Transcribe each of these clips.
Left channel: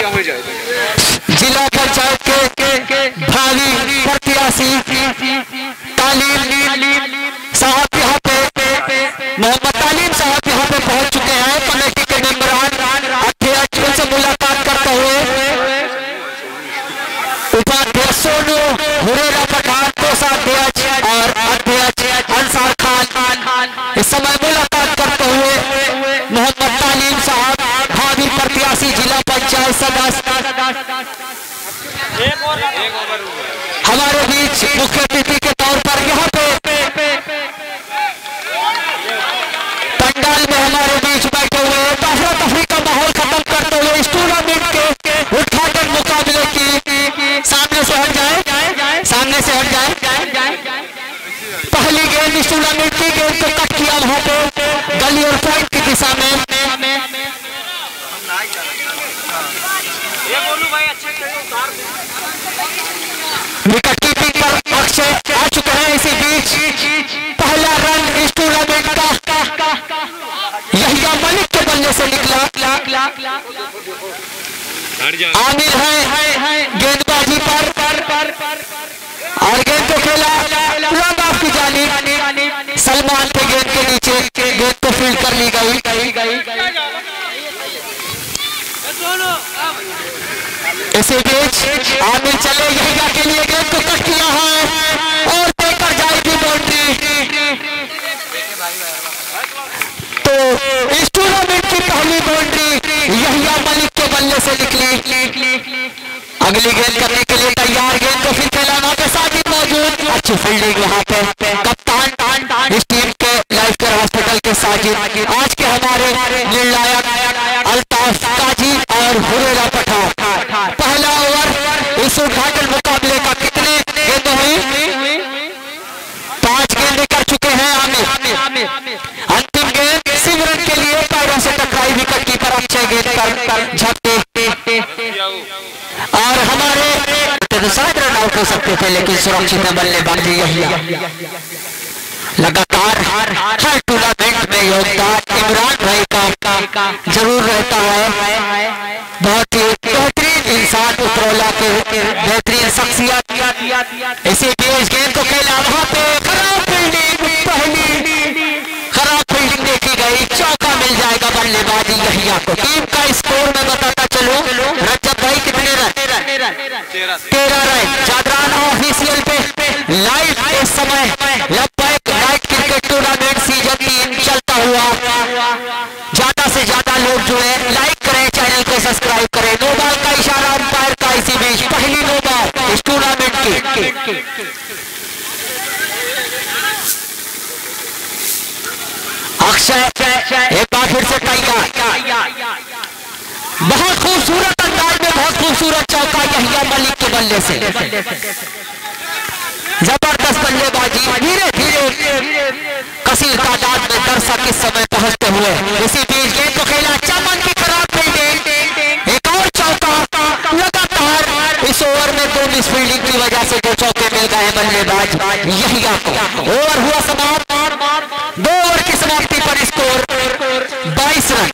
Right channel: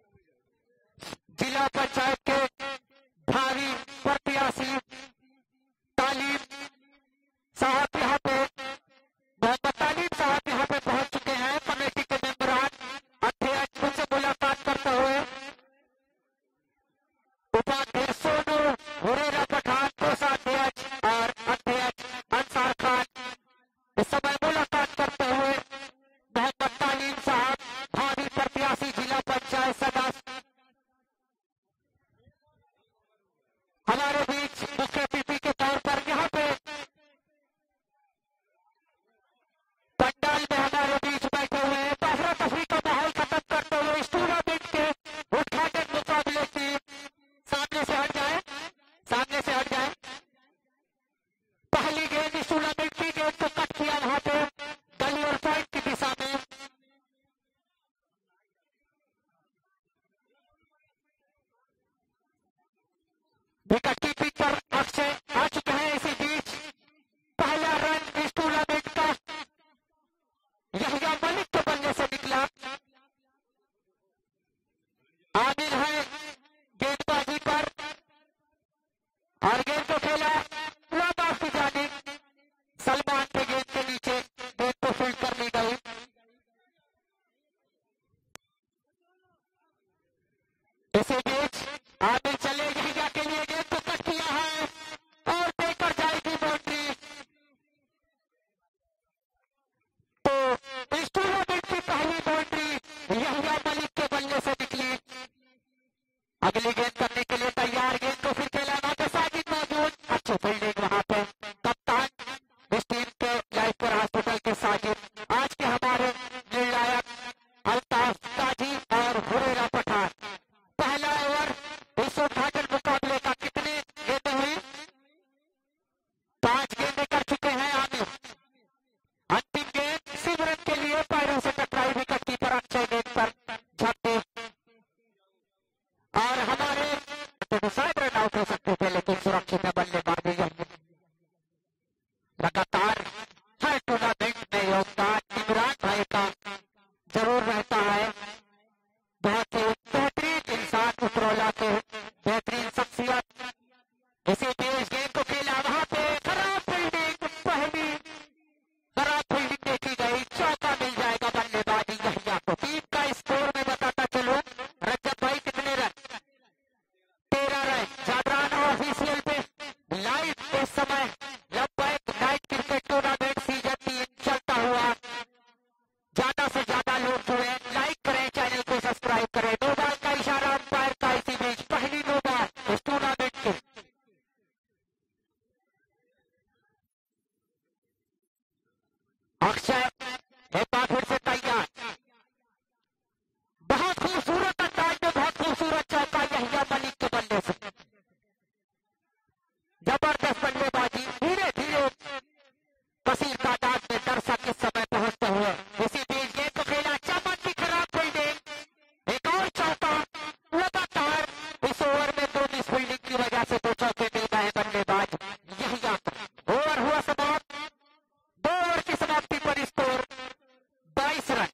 जिला पंचायत के भावी प्रत्याशी तालीम साहब यहाँ पे मोहम्मद तालीम साहब यहाँ पे पहुंच चुके हैं। कमेटी के मेंबरान अध्यक्ष उनसे मुलाकात करते हुए उपाध्यक्ष सोनू हुरेरा पठान, कोषाध्यक्ष और अध्यक्ष अंसार खान इस समय मुलाकात करते हुए मोहम्मद तालीम साहब भावी प्रत्याशी जिला पंचायत सदस्य हमारे बीच मुख्य अतिथि के तौर पर यहाँ पे पंडाल में हमारे बीच बैठे हुए अफरा तफरी का माहौल खत्म करते हुए इस टूर्नामेंट के उद्घाटन मुकाबले की सामने से हट जाए, सामने से हट जाए। पहली गेंद इस टूर्नामेंट की गेंद को कट किया वहां पे गली और पॉइंट की दिशा में। विकेट कीपिंग पर अक्षय आ चुके हैं। इसी बीच पहला रन इस टूर्नामेंट का यहिया मलिक के बल्ले से निकला। आमिर है गेंदबाजी पर और गेंद को खेला लॉन्ग ऑफ की जानिब। सलमान के गेंद के नीचे गेंद को फील्ड कर ली गई। इसी बीच आमिर चले यहिया के लिए गेंद को कट किया है और देकर जाएगी बाउंड्री। तो इस टूर्नामेंट की पहली बाउंड्री यहिया मलिक के बल्ले से निकली। अगली गेंद करने के लिए तैयार, गेंद को फिर खेलाना पे साजिद मौजूद। अच्छी फील्डिंग यहाँ पे कप्तान इस टीम के लाइफ केयर हॉस्पिटल के साजिद, आज के हमारे निर्णायक अल्ताफ काजी और हुरेरा पठान। पहला ओवर इस उद्घाटन मुकाबले का कितने गेंदें हुई? 5 गेंदें कर चुके हैं आमिर। अंतिम गेंद सिमरन के लिए पैरों से टकराई विकेट कीपर अक्षय गेंद पर झपटे और हमारे शायद रन आउट हो सकते थे लेकिन सुरक्षित बल्लेबाजी यही लगातार हर टूर्नामेंट में योगदान इमरान भाई का जरूर रहता है। बहुत ही बेहतरीन इंसान उतरौला के बेहतरीन शख्सियत। इसी बीच गेंद को खेला वहां पे खराब फील्डिंग, पहली खराब फील्डिंग देखी गई। चौका मिल जाएगा बल्लेबाजी यहिया को। टीम का स्कोर में बताता चलो रजत भाई कितने रन? 13 रन। जागरण ऑफिशियल पे लाइव इस समय नाइट क्रिकेट टूर्नामेंट सीजन 3 चलता हुआ। ज्यादा से ज्यादा लोग जो है लाइक करें, चैनल को सब्सक्राइब करें। नो बॉल का इशारा अंपायर का। इसी बीच पहली नो बॉल इस टूर्नामेंट की। अक्षय एक बार फिर से तैयार। बहुत खूबसूरत अंदाज में बहुत खूबसूरत चौका यहिया मलिक के बल्ले से। जबरदस्त बल्लेबाजी। धीरे धीरे कसीर तादाद में दर्शक इस समय पहुंचते हुए इसी बीच गेंद को खेला चमन की खराब फील्डिंग। एक और चौका लगातार इस ओवर में 2 मिस फील्डिंग की वजह से 2 चौके मिल गए बल्लेबाज यहिया को। ओवर हुआ समाप्त। 2 ओवर की समाप्ति पर स्कोर 22 रन।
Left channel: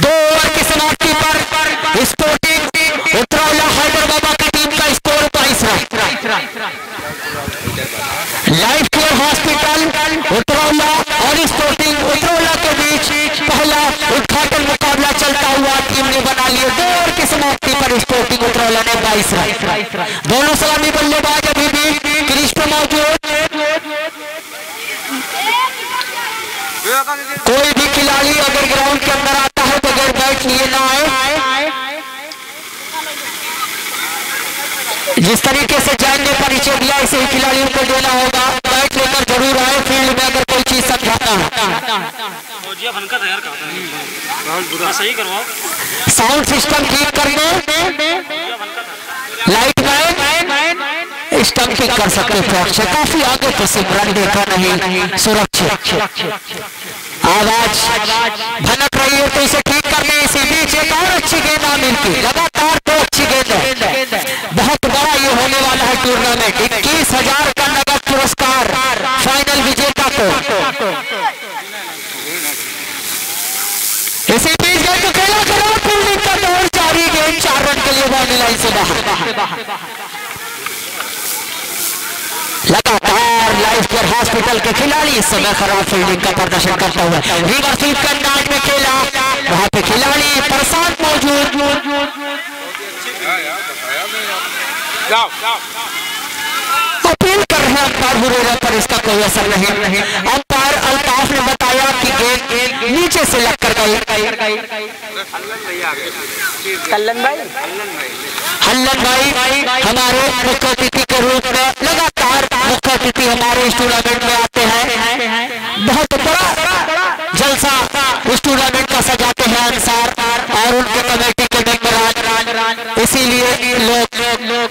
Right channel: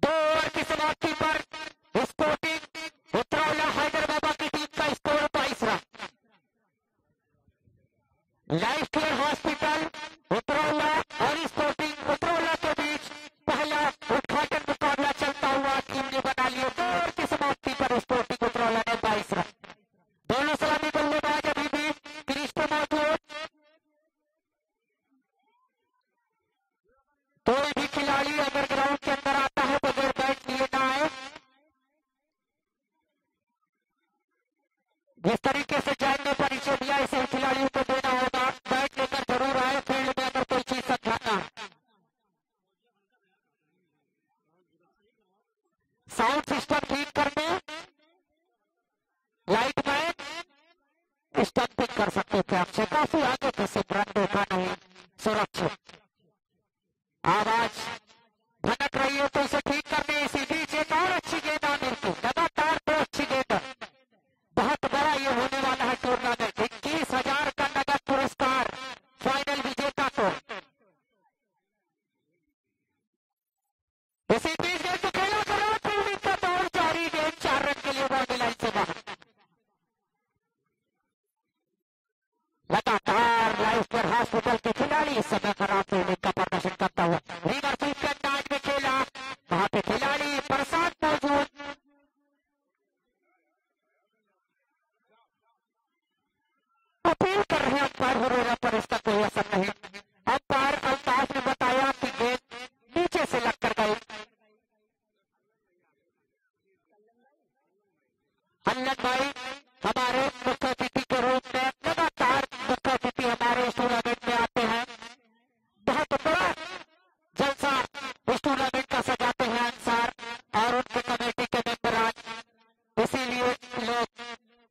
2 ओवर की समाप्ति पर स्पोर्टिंग उतरौला हैदराबाद की टीम का score 22 run. Life care hospital Utraula और स्पोर्टिंग उतरौला के बीच पहला उद्घाटन मुकाबला चलता हुआ टीम ने बना लिए। 2 ओवर की समाप्ति पर स्पोर्टिंग उतरौला ने 22 रन। दोनों सलामी बल्लेबाज अभी भी क्रीज पर मौजूद। कोई भी खिलाड़ी अगर ग्राउंड के अंदर आता है बगैर बैट लिए ना आए। जिस तरीके से जैन ने परिचय दिया इसे ही खिलाड़ियों को देना होगा। बैट लेकर जरूर आए फील्ड में अगर कोई चीज समझाता है। साउंड सिस्टम ठीक करने लाइट मैन स्टंप ठीक कर सकते थे। काफी आगे तो सिमरन देखा नहीं सुरक्षित। आवाज भनक रही है तो इसे ठीक करने। इसी बीच एक और अच्छी गेंद आमिर की। लगातार 2 अच्छी गेंद है। बहुत बड़ा ये होने वाला है टूर्नामेंट। 21,000 का नगद पुरस्कार फाइनल विजेता को। लिए बाउंड्री लाइन से बाहर। लगातार लाइफ केयर हॉस्पिटल के खिलाड़ी इस समय खराब फील्डिंग का प्रदर्शन करता हुआ रिवर्स स्वीप के अंदाज में खेला, वहां पे खिलाड़ी प्रशांत मौजूद। अपील कर रहे हैं अंपायर हुरैरा पर, इसका कोई असर नहीं। अंपायर अल्ताफ ने बताया कि गेंद नीचे से लग कर गई। हल्लन भाई हमारे मुख्य अतिथि के रूप में लगातार मुख्य अतिथि हमारे इस टूर्नामेंट में आते हैं। बहुत बड़ा जलसा इस टूर्नामेंट का सजाते हैं अंसार और उनके कमेटी के मेंबर, इसीलिए लोग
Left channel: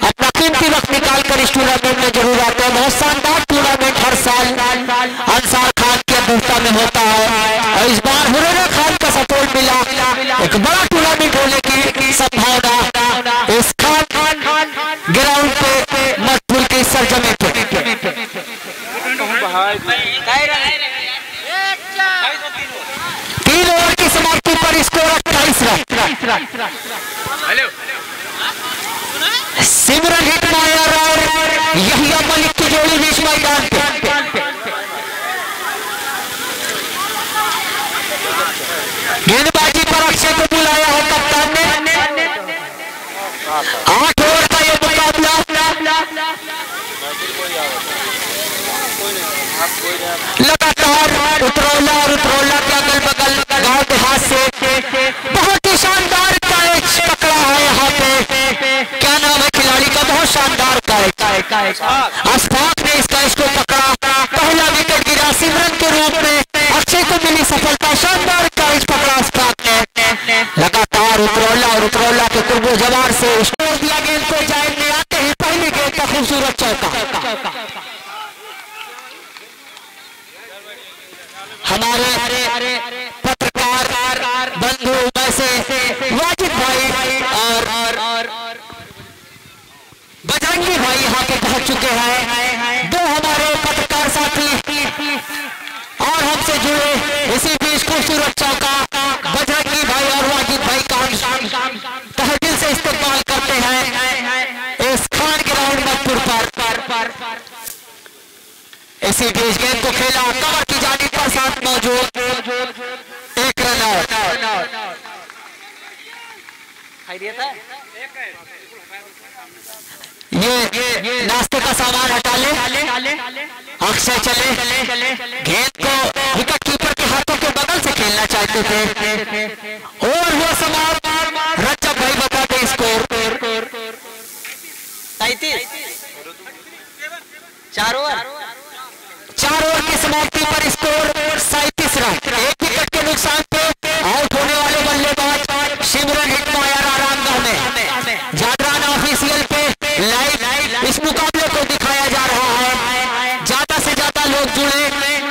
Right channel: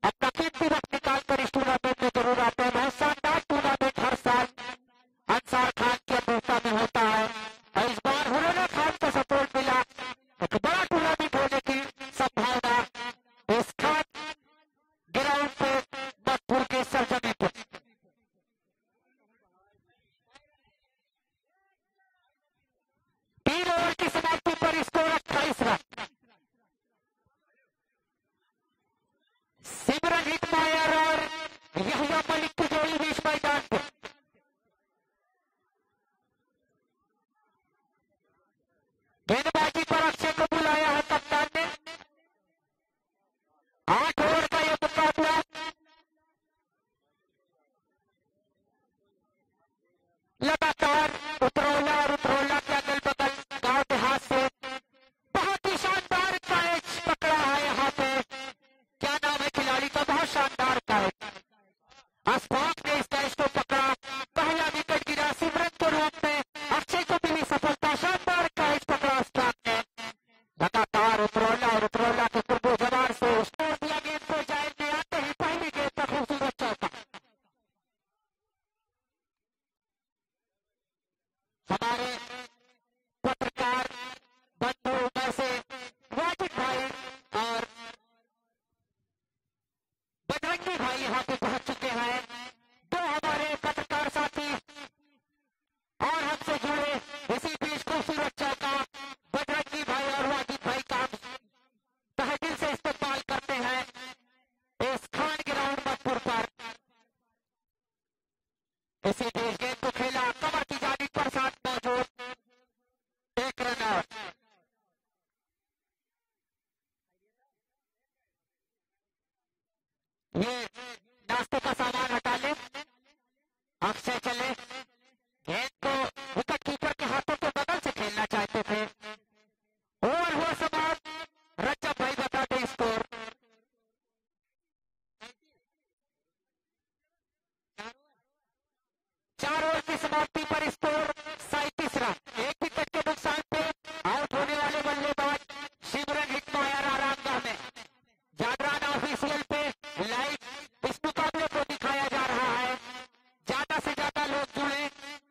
अपना कीमती वक्त निकाल कर इस टूर्नामेंट में जरूर आते हैं। बहुत शानदार टूर्नामेंट हर साल अंसार खान की अध्यक्षता में होता है और इस बार हुरैरा खान का सपोर्ट मिला। एक बड़ा टूर्नामेंट होने की संभावना इस खान ग्राउंड पे मटपुर की सरजमी पे। 3 ओवर की समाप्ति पर स्कोर 28 रन। सिमरन हिटमायर और यहिया मलिक की जोड़ी बीच मैदान पे। गेंदबाजी पर अक्षय को बुलाया है कप्तान ने। 8 ओवर का ये मुकाबला। लगातार उतरौला और उतरौला के अगल बगल गांव देहात से बहुत ही शानदार कैच पकड़ा है यहाँ पे। क्या नाम है खिलाड़ी का? बहुत शानदार कैच। अशफाक ने इस कैच को पकड़ा, पहला विकेट गिरा सिमरन के रूप में। अक्षय को मिली सफलता, शानदार कैच पकड़ा अशफाक ने। लगातार उतरौला के कुर्बो जवार से स्कोर दिया गेंद को। जायद ने आते ही पहली गेंद का खूबसूरत चौका। हमारे पत्रकार बंधु वैसे वाजिद भाई और बजरंगी भाई यहाँ पे पहुंच चुके हैं। 2 हमारे पत्रकार साथी और हमसे जुड़े। इसी बीच खूबसूरत चौका बजरंगी भाई और वाजिद भाई का तहदिल से इस्तेमाल करते हैं इस खान ग्राउंड मटपुर पर। इसी बीच गेंद को खेला कवर की जानिब पर साथ मौजूद 1 रन आउट। ये नाश्ते का सामान हटा ले। अक्षय चले, गेंद को विकेट कीपर के हाथों के बगल से खेलना चाहते थे और वो समाप्त। रज्जब भाई बताते स्कोर 4 ओवर की समाप्ति पर स्कोर 37 रन। 1 विकेट के नुकसान पे आउट होने वाले बल्लेबाज सिमरन हिटमायर आरामगाह में। जागरण ऑफिशियल पे लाइव इस मुकाबले को दिखाया जा रहा है। ज्यादा से ज्यादा लोग जुड़े।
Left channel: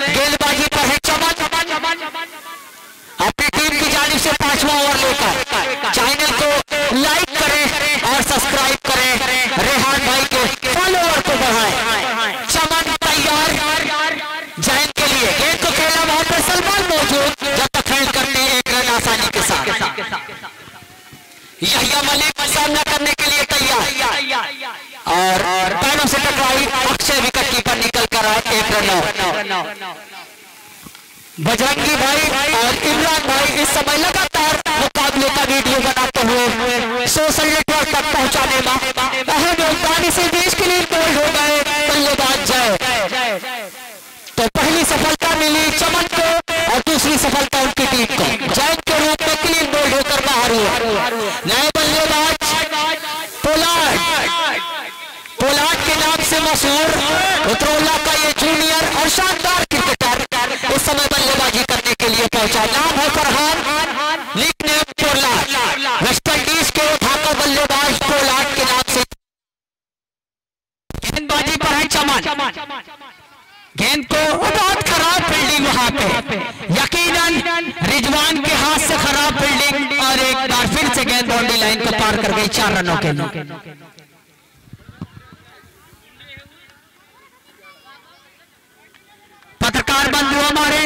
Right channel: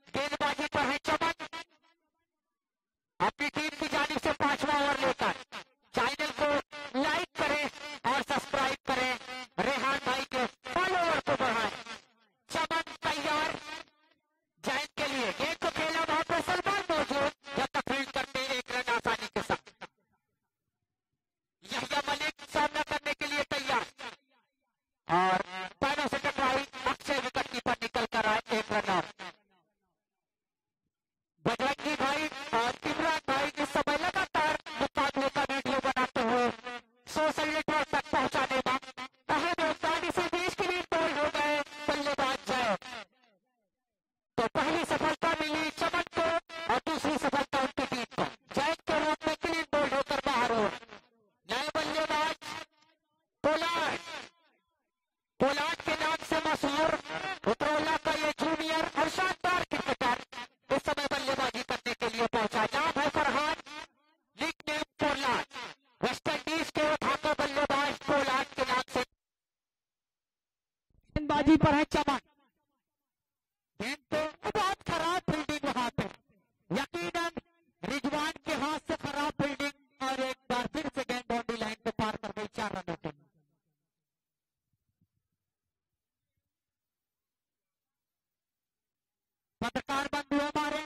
गेंदबाजी पर है चमन, अपनी टीम की जानिब से 5वां ओवर लेकर। चैनल को लाइक करें और सब्सक्राइब करें। रेहान भाई के फॉलोअर को बढ़ाएं। चमन तैयार जैन के लिए। गेंद को खेला, वहां पर सलमान मौजूद। जब तक फील्ड करते हैं 1 रन आसानी के साथ। यहिया मलिक सामना करने के लिए तैयार और पैरों से टकराई। अक्षय विकेट कीपर निकल कर आए। 1 रन आउट। बजरंगी भाई और इमरान भाई इस समय लगातार मुकाबले का वीडियो बनाते हुए सोशल नेटवर्क तक पहुंचाने में अहम योगदान। इसी बीच के लिए बोल्ड हो गए बल्लेबाज जय। तो पहली सफलता मिली चमन को और दूसरी सफलता उनकी टीम को। जैन के रूप में क्लीन बोल्ड होकर बाहर हुआ। नए बल्लेबाज पोलार्ड के नाम से मशहूर उतरौला का ये जूनियर और शानदार क्रिकेटर इस समय बल्लेबाजी करने के लिए पहुंचा। नाम है Farhan, nickname Pollard. West Indies के ढाका बल्लेबाज पोलार्ड के नाम से। गेंदबाजी पर है चमन। गेंद को बहुत खराब फील्डिंग वहां पे, यकीनन रिजवान के हाथ से खराब फील्डिंग और एक बार फिर से गेंद बाउंड्री लाइन को पार कर गई 4 रनों के लिए। पत्रकार बंधु हमारे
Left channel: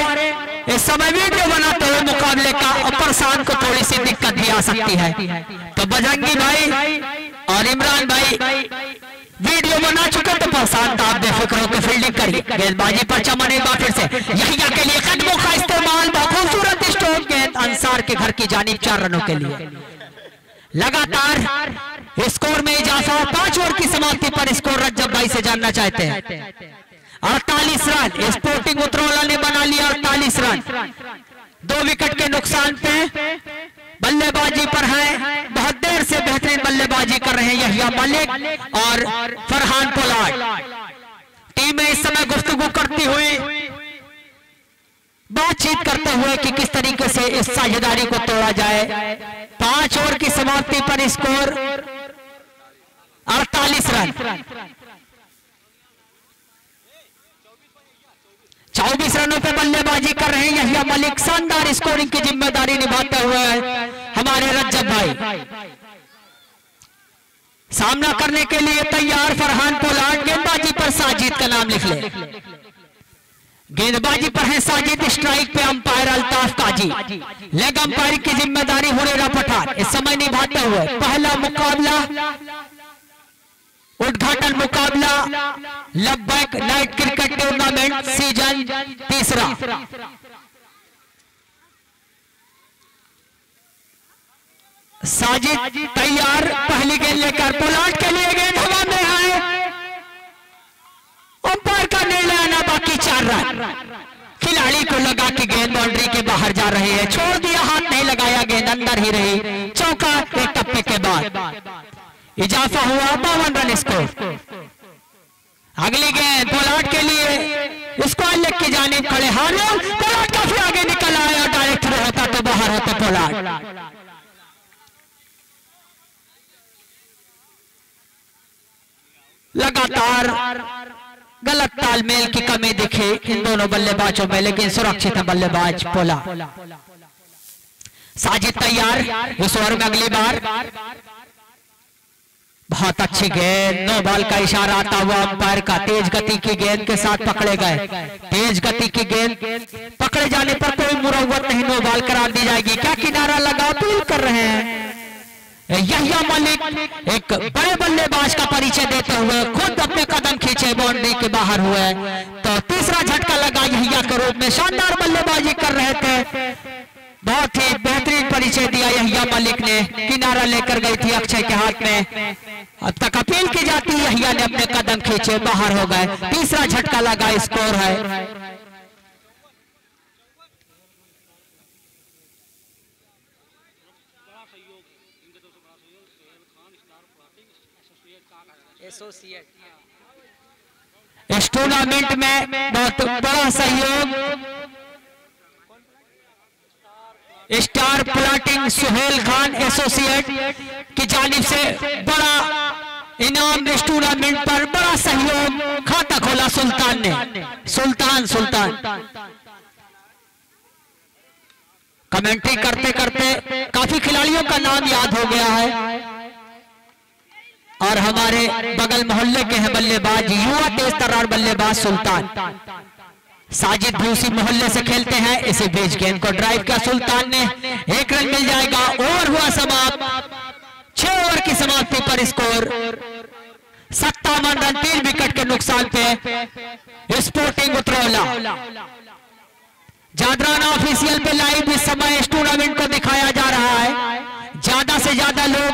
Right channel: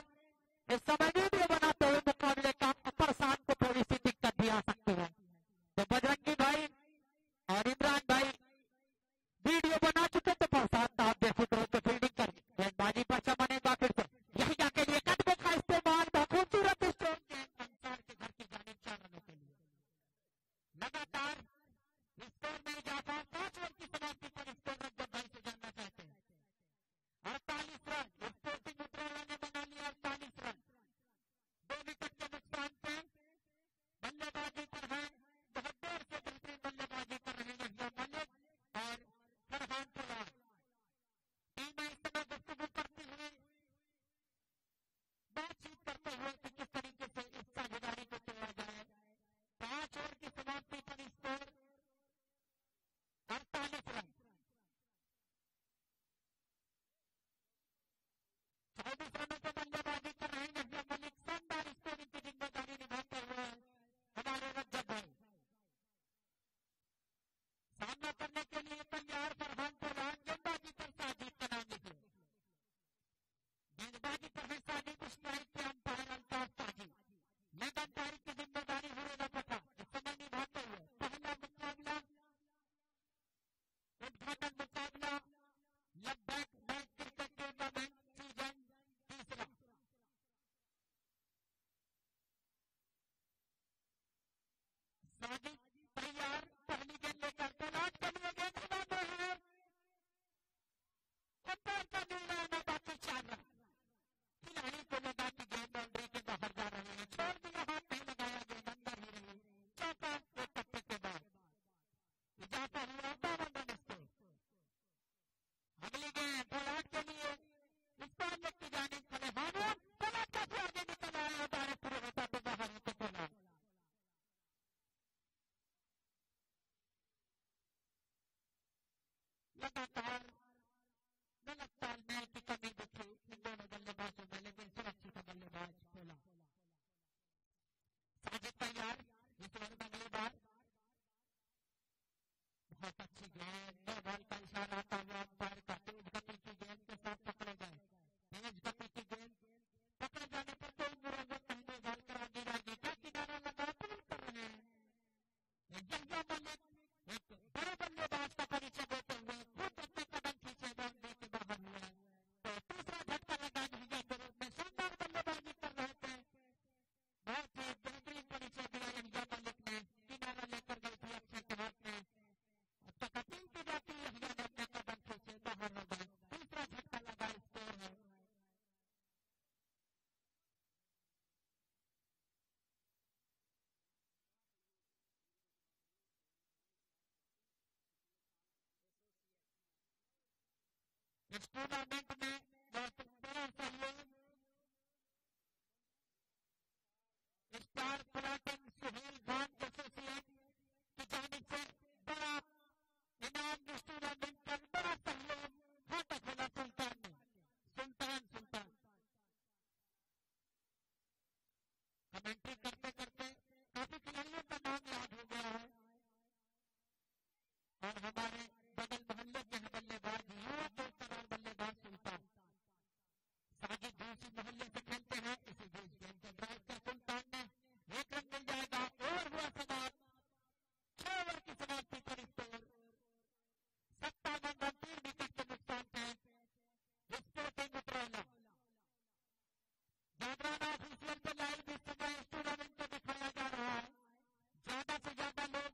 इस समय वीडियो बनाते हुए मुकाबले का प्रशांत को थोड़ी सी दिक्कत भी आ सकती है। तो बजरंगी भाई और इमरान भाई वीडियो बना चुके तो प्रशांत आप बेफिक्र होकर फील्डिंग करिए। गेंदबाजी पर चमन एक बार फिर से यहिया के लिए कदमों का इस्तेमाल, खूबसूरत स्ट्रोक गेंद अंसार के घर की जानिब 4 रनों के लिए। लगातार स्कोर में इजाफा, 5 ओवर की समाप्ति पर स्कोर रज्जब भाई से जानना चाहते हैं। 48 रन स्पोर्टिंग उतरौला ने बना लिया, 48 रन 2 विकेट के नुकसान पे बल्लेबाजी पर है। बहुत देर से बेहतरीन बल्लेबाजी कर रहे हैं यहिया मलिक और फरहान पोलार्ड। टीम में इस समय गुफ्तगू करती हुई, बातचीत करते हुए कि किस तरीके से इस साझेदारी को तोड़ा जाए। 5 ओवर की समाप्ति पर स्कोर 48 रन। 24 रनों पे बल्लेबाजी कर रहे हैं यहिया मलिक। शानदार स्कोरिंग की जिम्मेदारी निभाते हुए हमारे रज्जब भाई। सामना करने के लिए तैयार फरहान पोलार्ड। गेंदबाजी पर साजिद का नाम लिख ले। गेंदबाजी पर है साजिद, स्ट्राइक पे अंपायर अल्ताफ काजी, लेग अंपायर की जिम्मेदारी हुरेरा पठान इस समय निभाते हुए। पहला मुकाबला, उद्घाटन मुकाबला Labbaik night cricket tournament season 3। Sajid तैयार, पहली गेंद लेकर पोलार्ड के लिए। गेंद हवा में है, अंपायर का निर्णय आना बाकी 4 रन। खिलाड़ी को लगा कि गेंद बाउंड्री के बाहर जा रही है, छोड़ दिया, हाथ नहीं लगाया, गेंद अंदर ही रही। चौका एक टप्पे के बाद इजाफा हुआ, 52 रन स्कोर। अगली गेंद पोलार्ड के लिए, स्क्वायर लेग की जानिब खड़े हार्मोन। पोलार्ड काफी आगे निकल आया और डायरेक्ट होता तो बाहर होता पोलार्ड। लगातार गलत तालमेल की कमी दिखी इन दोनों बल्लेबाजों में, लेकिन सुरक्षित है बल्लेबाज पोला। साजिद तैयार, इस ओवर में अगली बार। बहुत अच्छी गेंद, नो बॉल का इशारा आता हुआ अंपायर का। तेज गति की गेंद के साथ पकड़े गए। तेज गति की गेंद पकड़े जाने पर कोई मुरव्वत नहीं, नो बॉल करार दी जाएगी। क्या किनारा लगा, अपील कर रहे हैं। यहिया मलिक एक बड़े बल्लेबाज का परिचय देते हुए खुद अपने कदम खींचे, बाउंड्री के बाहर हुए तो तीसरा झटका लगा यहिया के रूप में। शानदार बल्लेबाजी कर रहे थे, बहुत ही बेहतरीन परिचय दिया यहिया मलिक ने। किनारा लेकर गई थी अक्षय के हाथ में, अब तक अपील की जाती, यहिया ने अपने कदम खींचे, बाहर हो गए। तीसरा झटका लगा, स्कोर है 100 इस टूर्नामेंट में बहुत बड़ा सहयोग star plotting Suhel Khan associate की जानिब से बड़ा इनाम। इस टूर्नामेंट पर बड़ा सहयोग, खाता खोला सुल्तान ने। सुल्तान कमेंट्री करते करते काफी खिलाड़ियों का नाम याद हो गया है और हमारे बगल मोहल्ले के हैं बल्लेबाज, युवा तेज तर्रार बल्लेबाज सुल्तान। साजिद भी उसी मोहल्ले से खेलते हैं। इसी बीच गेंद को ड्राइव किया सुल्तान ने, 1 रन मिल जाएगा। ओवर हुआ समाप्त, 6 ओवर की समाप्ति पर स्कोर 57 रन, 3 विकेट के नुकसान पे स्पोर्टिंग उतरौला। जादराना ऑफिशियल पे लाइव इस समय इस टूर्नामेंट को दिखाया जा रहा है। ज्यादा से ज्यादा लोग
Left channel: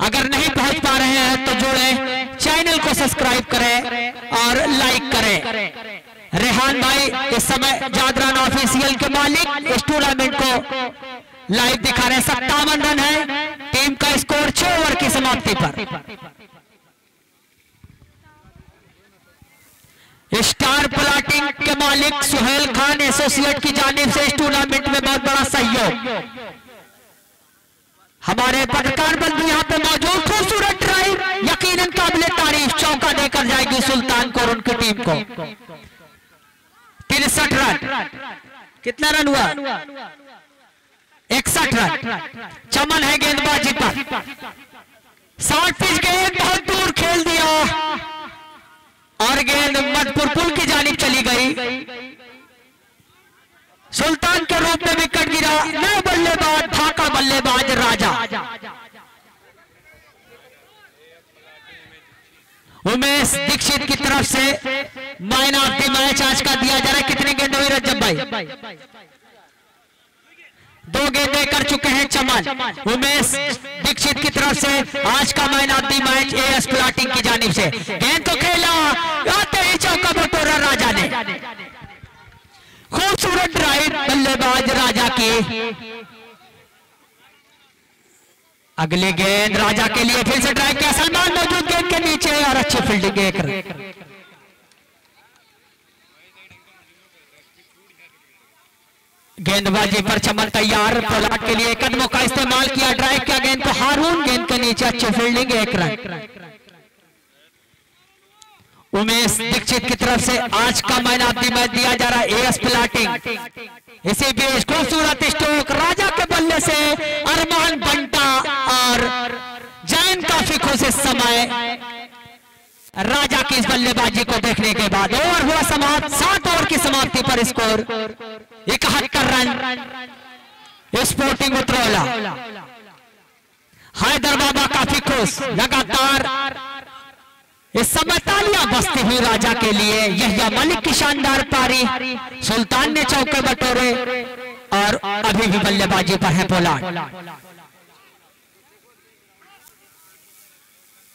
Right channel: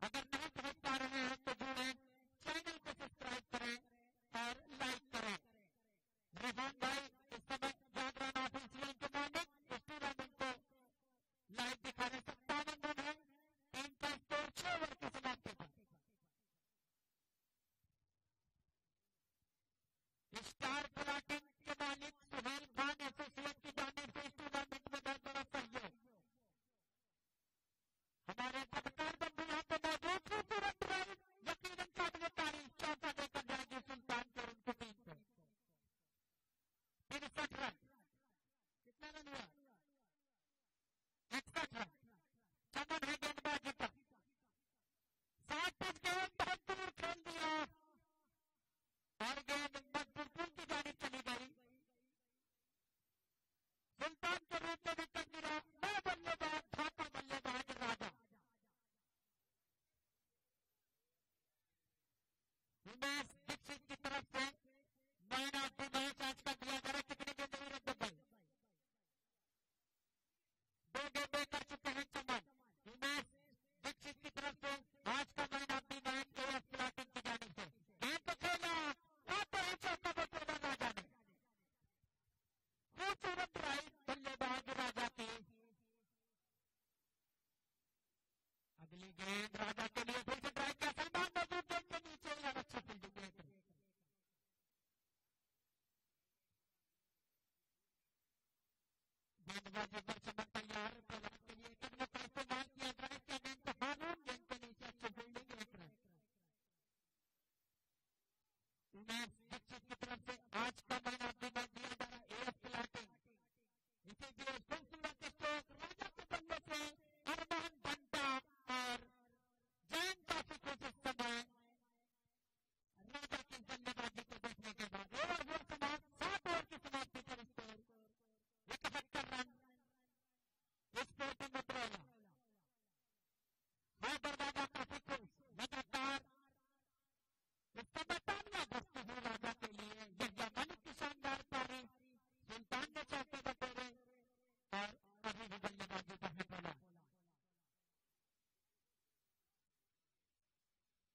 अगर नहीं पहुंच पा रहे हैं तो जुड़े, चैनल को सब्सक्राइब करें और लाइक करें। रेहान भाई इस समय जादराना ऑफिशियल के मालिक इस टूर्नामेंट को लाइव दिखा रहे हैं। 57 रन है, टीम का स्कोर 6 ओवर की समाप्ति पर। स्टार प्लॉटिंग के मालिक सुहेल खान एसोसिएट की जानिब से इस टूर्नामेंट में बहुत बड़ा सहयोग। हमारे पत्रकार बल भी यहाँ पे मौजूद। खूबसूरत ड्राइव, यकीनन काबिले तारीफ, चौका देकर जाएगी सुल्तान को और उनकी टीम को। 63 रन, कितना रन हुआ? 61 रन। चमन है गेंदबाजी पर, 60 पिच गेंद बहुत दूर खेल दिया और गेंद मधुपुर पुल की जानिब चली गई। सुल्तान के रूप में विकेट गिरा। नए बल्लेबाज ढाका बल्लेबाज राजा। उमेश दीक्षित की तरफ से मैन ऑफ द मैच आज का दिया जा रहा है। कितनी गेंद हुई रजब भाई? 2 गेंदें कर चुके हैं चमन। उमेश दीक्षित की तरफ से आज का man of the match as plotting की जानिब से। गेंद को खेला, आते ही चौका बटोरा राजा ने। खूबसूरत ड्राइव बल्लेबाज राजा की। अगली गेंद राजा के लिए फिर से ड्राइव किया। सलमान मौजूद गेंद के नीचे और अच्छी फील्डिंग एक रन। गेंदबाजी पर चमन तैयार। पोलार्ड के लिए कदमों का इस्तेमाल किया, ड्राइव किया गेंद को। हारून गेंद के नीचे अच्छी फील्डिंग एक रन। उमेश दीक्षित की तरफ से आज का मैन ऑफ द मैच दिया जा रहा है एएस प्लाटिंग। इसी बीच खूबसूरत स्ट्रोक राजा के बल्ले से अरमान बंटा और जैन काफी खुश इस समय राजा की इस बल्लेबाजी को देखने के बाद। ओवर हुआ समाप्त। 7 ओवर की समाप्ति पर score 71 run. Sporting Utraula. Haidar Baba काफी खुश। लगातार इस समय तालियां बजती हुई राजा के लिए। यहिया मलिक की शानदार पारी। सुल्तान ने चौके बटोरे और अभी भी बल्लेबाजी पर है पोलार्ड।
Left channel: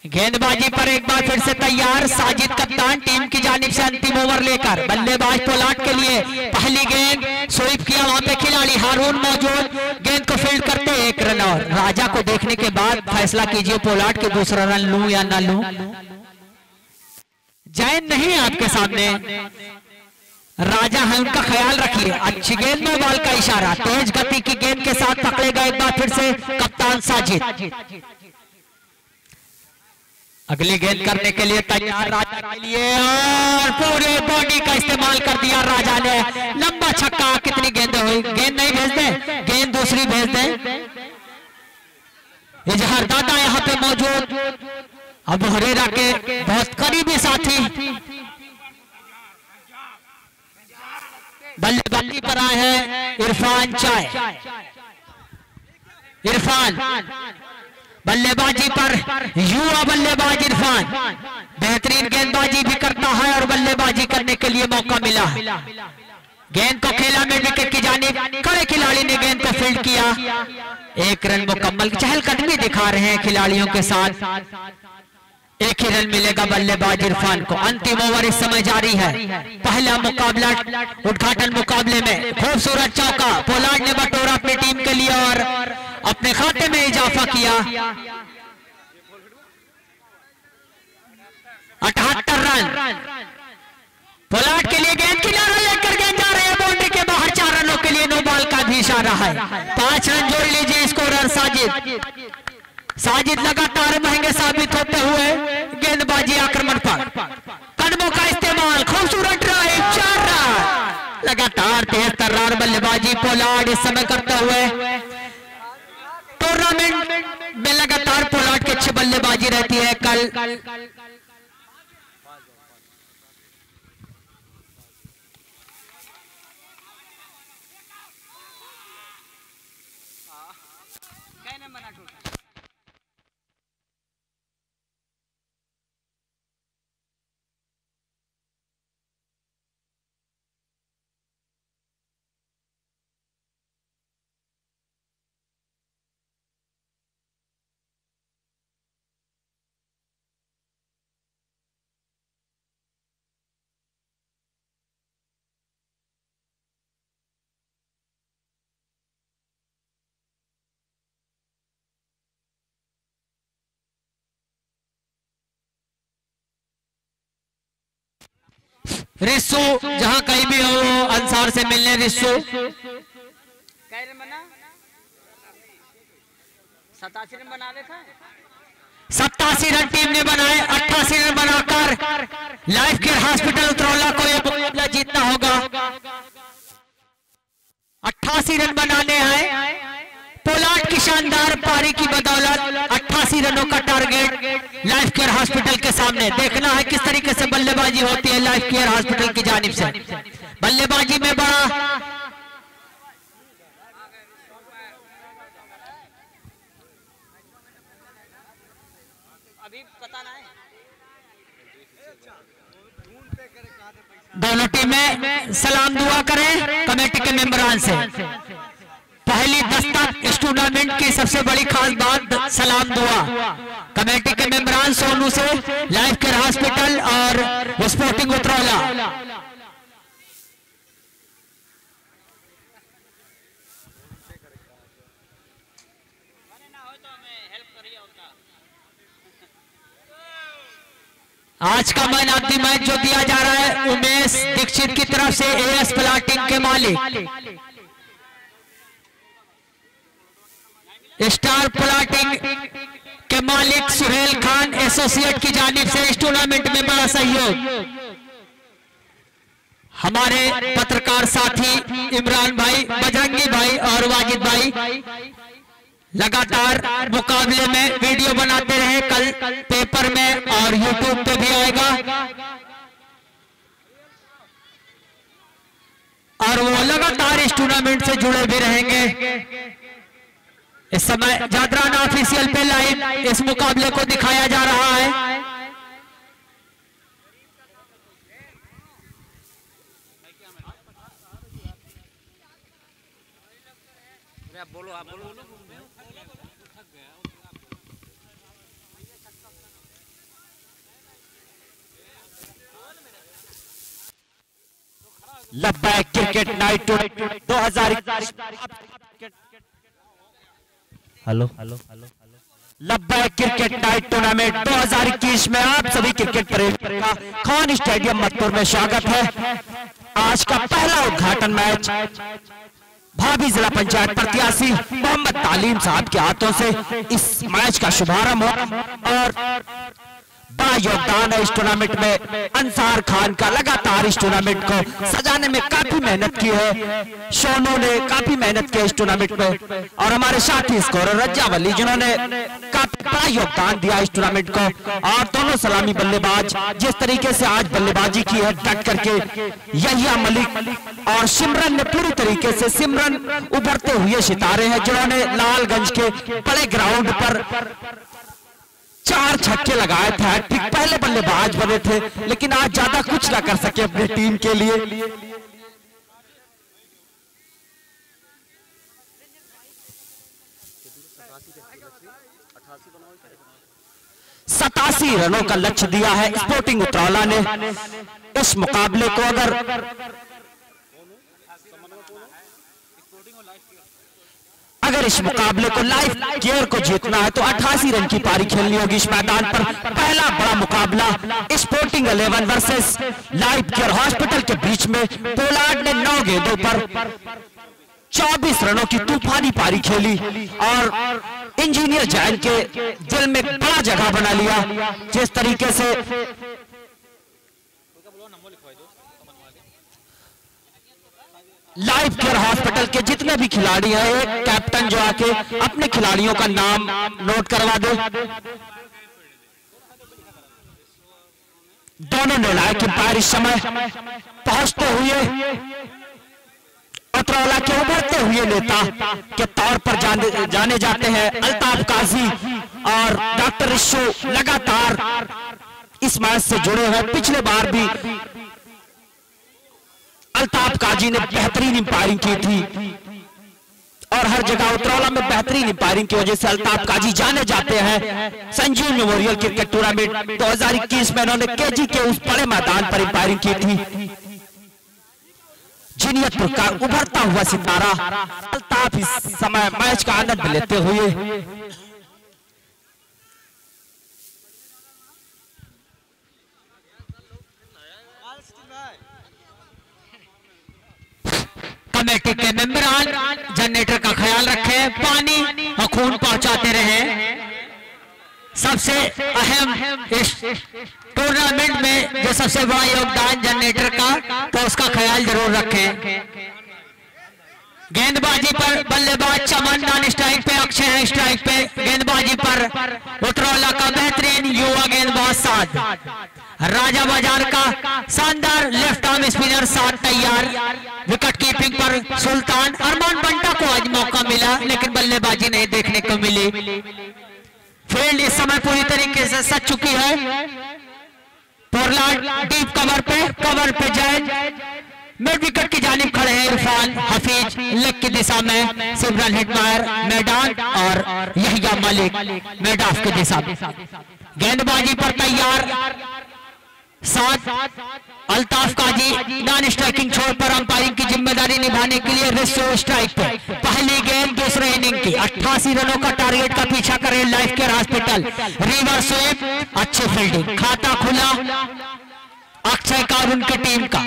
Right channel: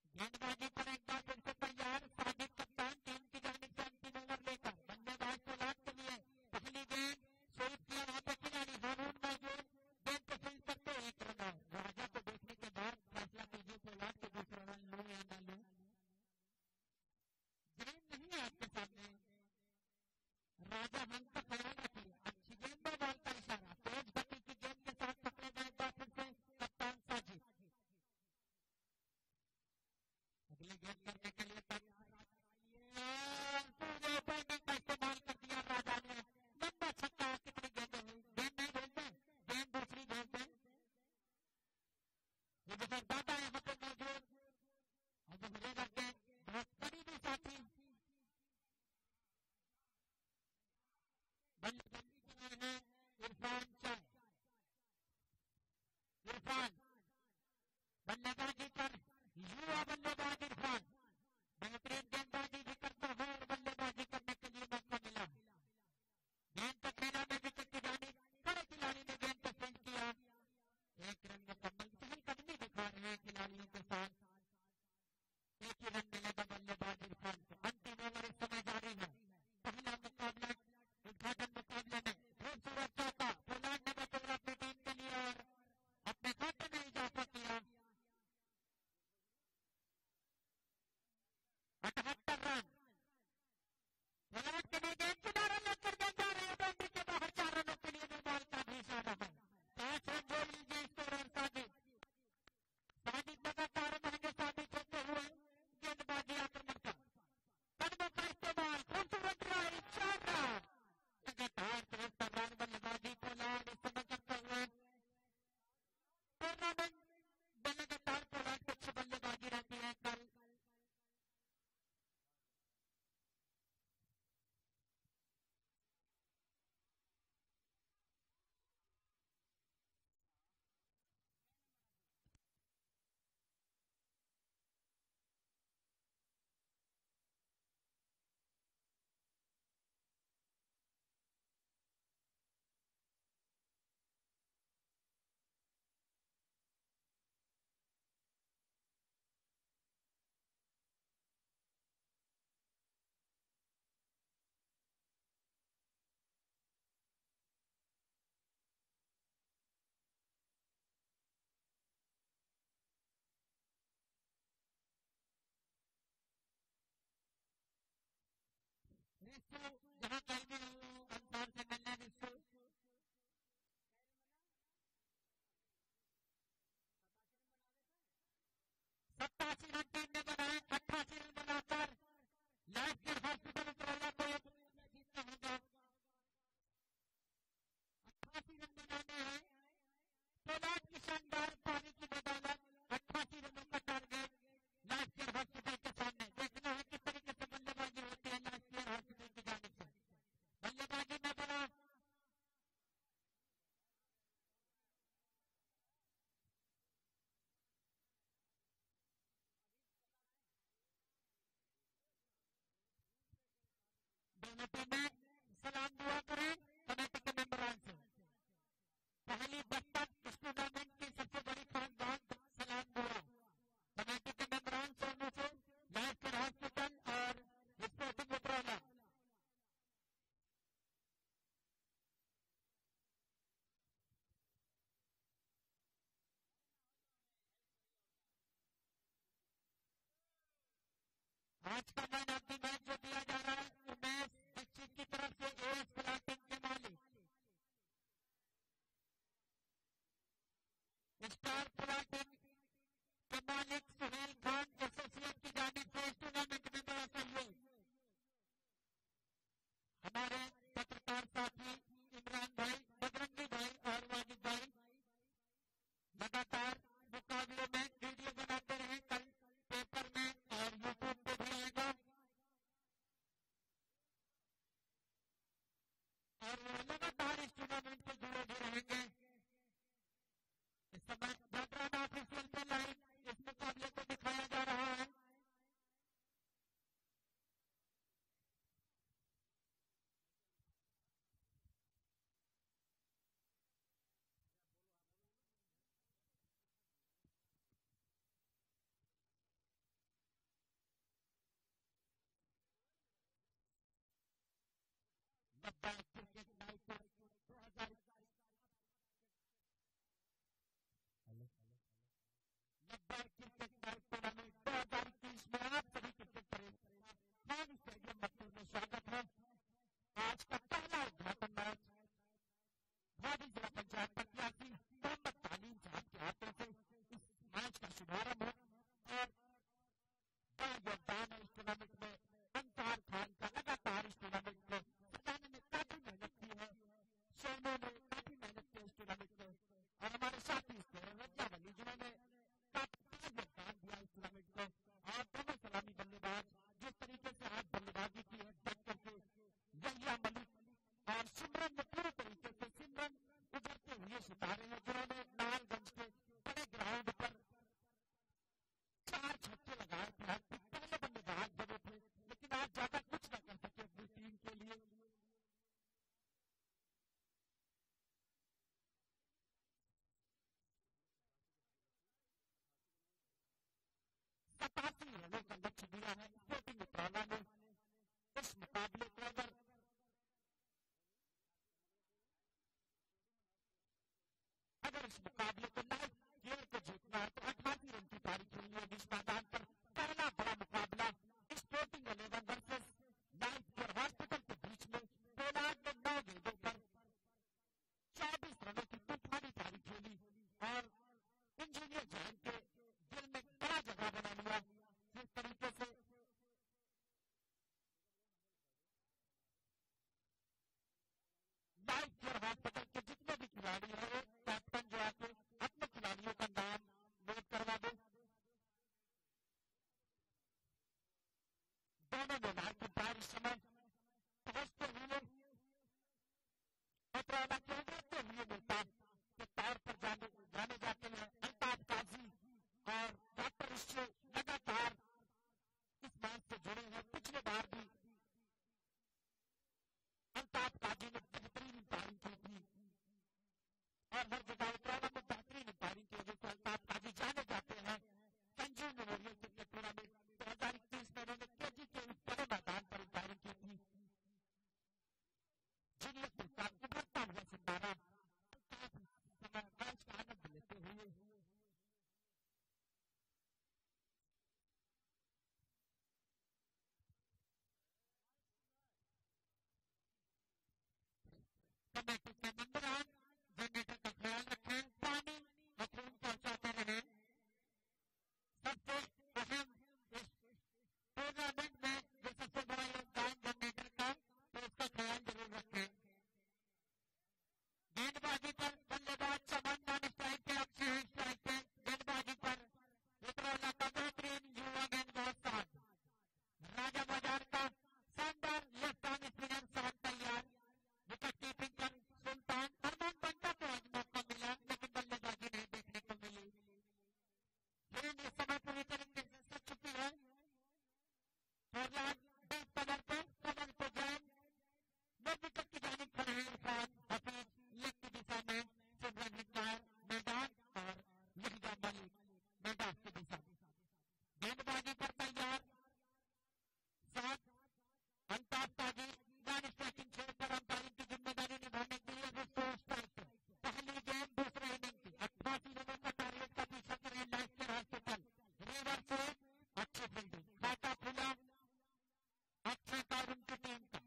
गेंदबाजी पर एक बार फिर से तैयार साजिद कप्तान टीम की जानिब से अंतिम ओवर लेकर। बल्लेबाज पोलार्ड के लिए पहली गेंद स्वीप किया, वहां पे खिलाड़ी हारून मौजूद। गेंद को फील्ड करते 1 रन। और राजा को देखने के बाद फैसला कीजिए पोलार्ड के दूसरा रन लूं या ना लूं। जैन नहीं आपके सामने, राजा है, उनका ख्याल रखिए। अच्छी गेंद में बॉल का इशारा। तेज गति की गेंद के साथ पकड़ेगा एक बार फिर से कप्तान साजिद। अगली गेंद करने के लिए तैयार राजा के लिए और पूरे बॉडी का इस्तेमाल कर दिया राजा ने। लंबा छक्का। कितनी गेंदें हुई? गेंद नहीं भेज दे, गेंद दूसरी भेज दे। इजहार दादा यहाँ पे मौजूद। अब हरेरा के बहुत करीबी साथी बल्लेबाजी पर आए हैं इरफान चाय। इरफान बल्लेबाजी पर, युवा बल्लेबाज इरफान बेहतरीन गेंदबाजी भी करता है और बल्लेबाजी करने के लिए मौका मिला। गेंद को खेला में विकेट की जानिब। कड़े खिलाड़ी ने गेंद को फील्ड किया। 1 रन मुकम्मल। चहलकदमी दिखा रहे हैं खिलाड़ियों के साथ। 1 ही रन मिलेगा बल्लेबाज इरफान को। अंतिम ओवर इस समय जारी है। पहला मुकाबला उद्घाटन मुकाबले में खूबसूरत चौका पोलार्ड ने बटोरा अपनी टीम के लिए और अपने खाते में इजाफा किया। 78 रन पोलार्ड के लिए। गेंद किनारा लेकर गेंद जा रहे हैं बाउंड्री के बाहर। 4 रनों के लिए नो बॉल का भी इशारा है। 5 रन जोड़ लीजिए स्कोरर साजिद। साजिद लगातार महंगे साबित होते हुए गेंदबाजी आक्रमण पर। कदमों का इस्तेमाल। खूबसूरत ड्राइव। 4 रन। लगातार 73 रन बल्लेबाजी पोलार्ड इस समय करते हुए। टूर्नामेंट में लगातार पोलार्ड की अच्छी बल्लेबाजी रहती है। कल रिस्सू जहां कहीं भी हो वो अंसार से मिलने। रिस्सू 87 रन बना रहे थे। 87 रन टीम ने बनाए। 88 रन बनाकर लाइफ केयर हॉस्पिटल उतरौला को यह मुकाबला जीतना होगा। 88 रन बनाने हैं। पोलार्ड की शानदार पारी की बदौलत 88 रनों का टारगेट लाइफ केयर हॉस्पिटल के सामने। देखना है किस तरीके से बल्लेबाजी होती है लाइफ केयर हॉस्पिटल की जानिब से। बल्लेबाजी में बड़ा अभी पता ना है। दोनों टीमें सलाम दुआ करें कमेटी के मेंबरान से। पहली दस्तक इस टूर्नामेंट की सबसे बड़ी खास बात सलाम दुआ। कमेटी के मेंबरान सोनू से, लाइफ केयर हॉस्पिटल और स्पोर्टिंग उतरौला। आज का मैन ऑफ द मैच जो दिया जा रहा है उमेश दीक्षित की तरफ से एएस प्लाटिंग के मालिक स्टार प्लाटिंग के मालिक सुहेल खान एसोसिएट की जानिब से इस टूर्नामेंट में बड़ा सहयोग। हमारे पत्रकार साथी इमरान भाई, बजरंगी भाई और वाजिद भाई लगातार मुकाबले में वीडियो बनाते रहे। कल पेपर में और यूट्यूब पे भी आएगा और वो लगातार इस टूर्नामेंट से जुड़े भी रहेंगे। इस समय जादराना ऑफिशियल पे लाइव इस मुकाबले को दिखाया जा रहा है। आप बोलो, आप बोलो। लब्बैक क्रिकेट नाइट 2021। हेलो लब्बैक क्रिकेट नाइट टूर्नामेंट 2021 में आप सभी क्रिकेट प्रेमियों का खान स्टेडियम मधुपुर में स्वागत है। आज का पहला उद्घाटन मैच भाभी जिला पंचायत प्रत्याशी मोहम्मद तालीम साहब के हाथों से इस मैच का शुभारंभ हो और बड़ा योगदान है इस टूर्नामेंट में। अंसार खान का लगातार इस टूर्नामेंट को सजाने में काफी मेहनत की है। सोनू ने काफी मेहनत की इस टूर्नामेंट में और हमारे साथी स्कोरर रज्जा वली जिन्होंने काफी बड़ा योगदान दिया इस टूर्नामेंट को। और दोनों सलामी बल्लेबाज जिस तरीके से आज बल्लेबाजी की है डट करके, यहिया मलिक और सिमरन ने पूरी तरीके से, सिमरन उभरते हुए सितारे हैं जिन्होंने लालगंज के बड़े ग्राउंड पर 4 छक्के लगाए थे। ठीक पहले बल्लेबाज बने थे लेकिन आज ज्यादा कुछ ना कर सके अपनी टीम के लिए। 87 रनों का लक्ष्य दिया है स्पोर्टिंग उतरौला ने। इस मुकाबले को अगर इस मुकाबले को लाइफ केयर को जीतना है तो 88 रन की पारी खेलनी होगी इस मैदान पर। पहला बड़ा मुकाबला sporting 11 versus life care hospital के बीच में पोलार्ड ने 9 गेंदों पर 24 रनों की तूफानी पारी खेली और इंजीनियर जैन के दिल में बड़ा जगह बना लिया। जिस तरीके से लाइफ केयर हॉस्पिटल के जितने भी खिलाड़ी हैं, एक कैप्टन जो आके अपने खिलाड़ियों का नाम नोट करवा दे। दोनों निर्णायक अंपायर इस समय पहुंचते हुए उतरौला के उभरते हुए नेता के तौर पर जाने जाते हैं अल्ताफ काजी और डॉक्टर रिशु लगातार इस मैच से जुड़े हैं। पिछले बार भी अल्ताफ काजी ने बेहतरीन अंपायरिंग की थी और हर जगह उतरौला में बेहतरीन अंपायरिंग की वजह से अल्ताफ काजी जाने जाते हैं। संजीव मेमोरियल क्रिकेट टूर्नामेंट 2021 में उन्होंने केजी के उस बड़े मैदान पर अंपायरिंग की थी। जीनियतपुर का उभरता हुआ सितारा अल्ताफ इस समय मैच का आनंद लेते हुए कमेटी के मेंबरान जनरेटर का ख्याल रखें, पानी और खून पहुंचाते रहें। सबसे अहम इस टूर्नामेंट में जो सबसे बड़ा योगदान जनरेटर का, तो उसका ख्याल जरूर रखें। गेंदबाजी पर बल्लेबाज चमन, नॉन स्ट्राइक पे अक्षय है, स्ट्राइक पे गेंदबाजी पर उतरौला का बेहतरीन युवा गेंदबाज साद, राजा बाजार का शानदार लेफ्ट आर्म स्पिनर साद तैयार। विकेट कीपिंग पर सुल्तान। अरमान बंटा को आज मौका मिला लेकिन बल्लेबाजी नहीं देखने को मिली। फील्ड इस समय पूरी तरीके से सज चुकी है। पोलार्ड डीप कवर पे जैन मिड विकेट की जानिब खड़े हैं। इरफान हफीज लेग की दिशा में, सिमरन हिटमायर मैदान और यहिया मलिक मिड ऑफ की दिशा में। गेंदबाजी पर तैयार, साथ अल्ताफ काजी नॉन स्ट्राइकिंग छोर पर अंपायरिंग की जिम्मेदारी निभाने के लिए रिसो स्ट्राइक पे। पहली गेंद दूसरे इनिंग की 88 रनों का टारगेट का पीछा करे life care hospital. Reverse sweep, अच्छी फील्डिंग, खाता खुला अक्षय का और उनकी टीम का।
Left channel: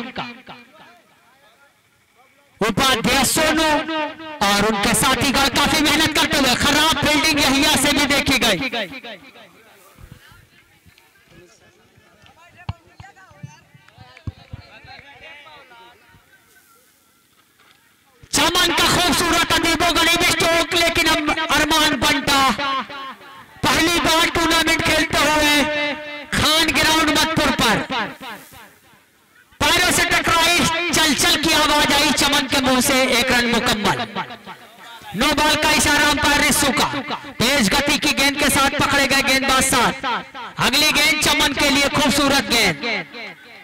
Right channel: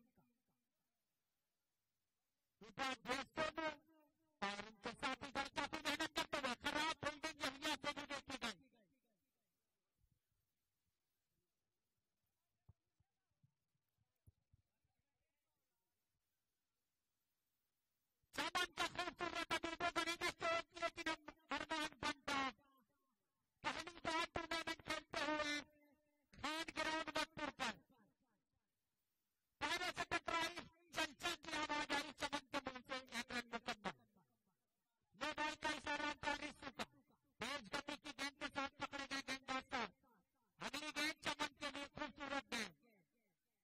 उपाध्याय सोनू और उनके साथीगण काफी मेहनत करते हुए, खराब फील्डिंग यहिया से भी देखी गई। चमन का खूबसूरत अदीबो गरीब स्ट्रोक, लेकिन अरमान बंटा पहली बार टूर्नामेंट खेलते हुए खान ग्राउंड मधुपुर पर पैरों से टकराई, चल की आवाज आई चमन के मुंह से। एक रन मुकम्मल। नो बॉल का इशारा अंपायर रिस्सू का। तेज गति की गेंद के साथ पकड़े गए गेंदबाज साथ। अगली गेंद चमन के लिए खूबसूरत गेंद,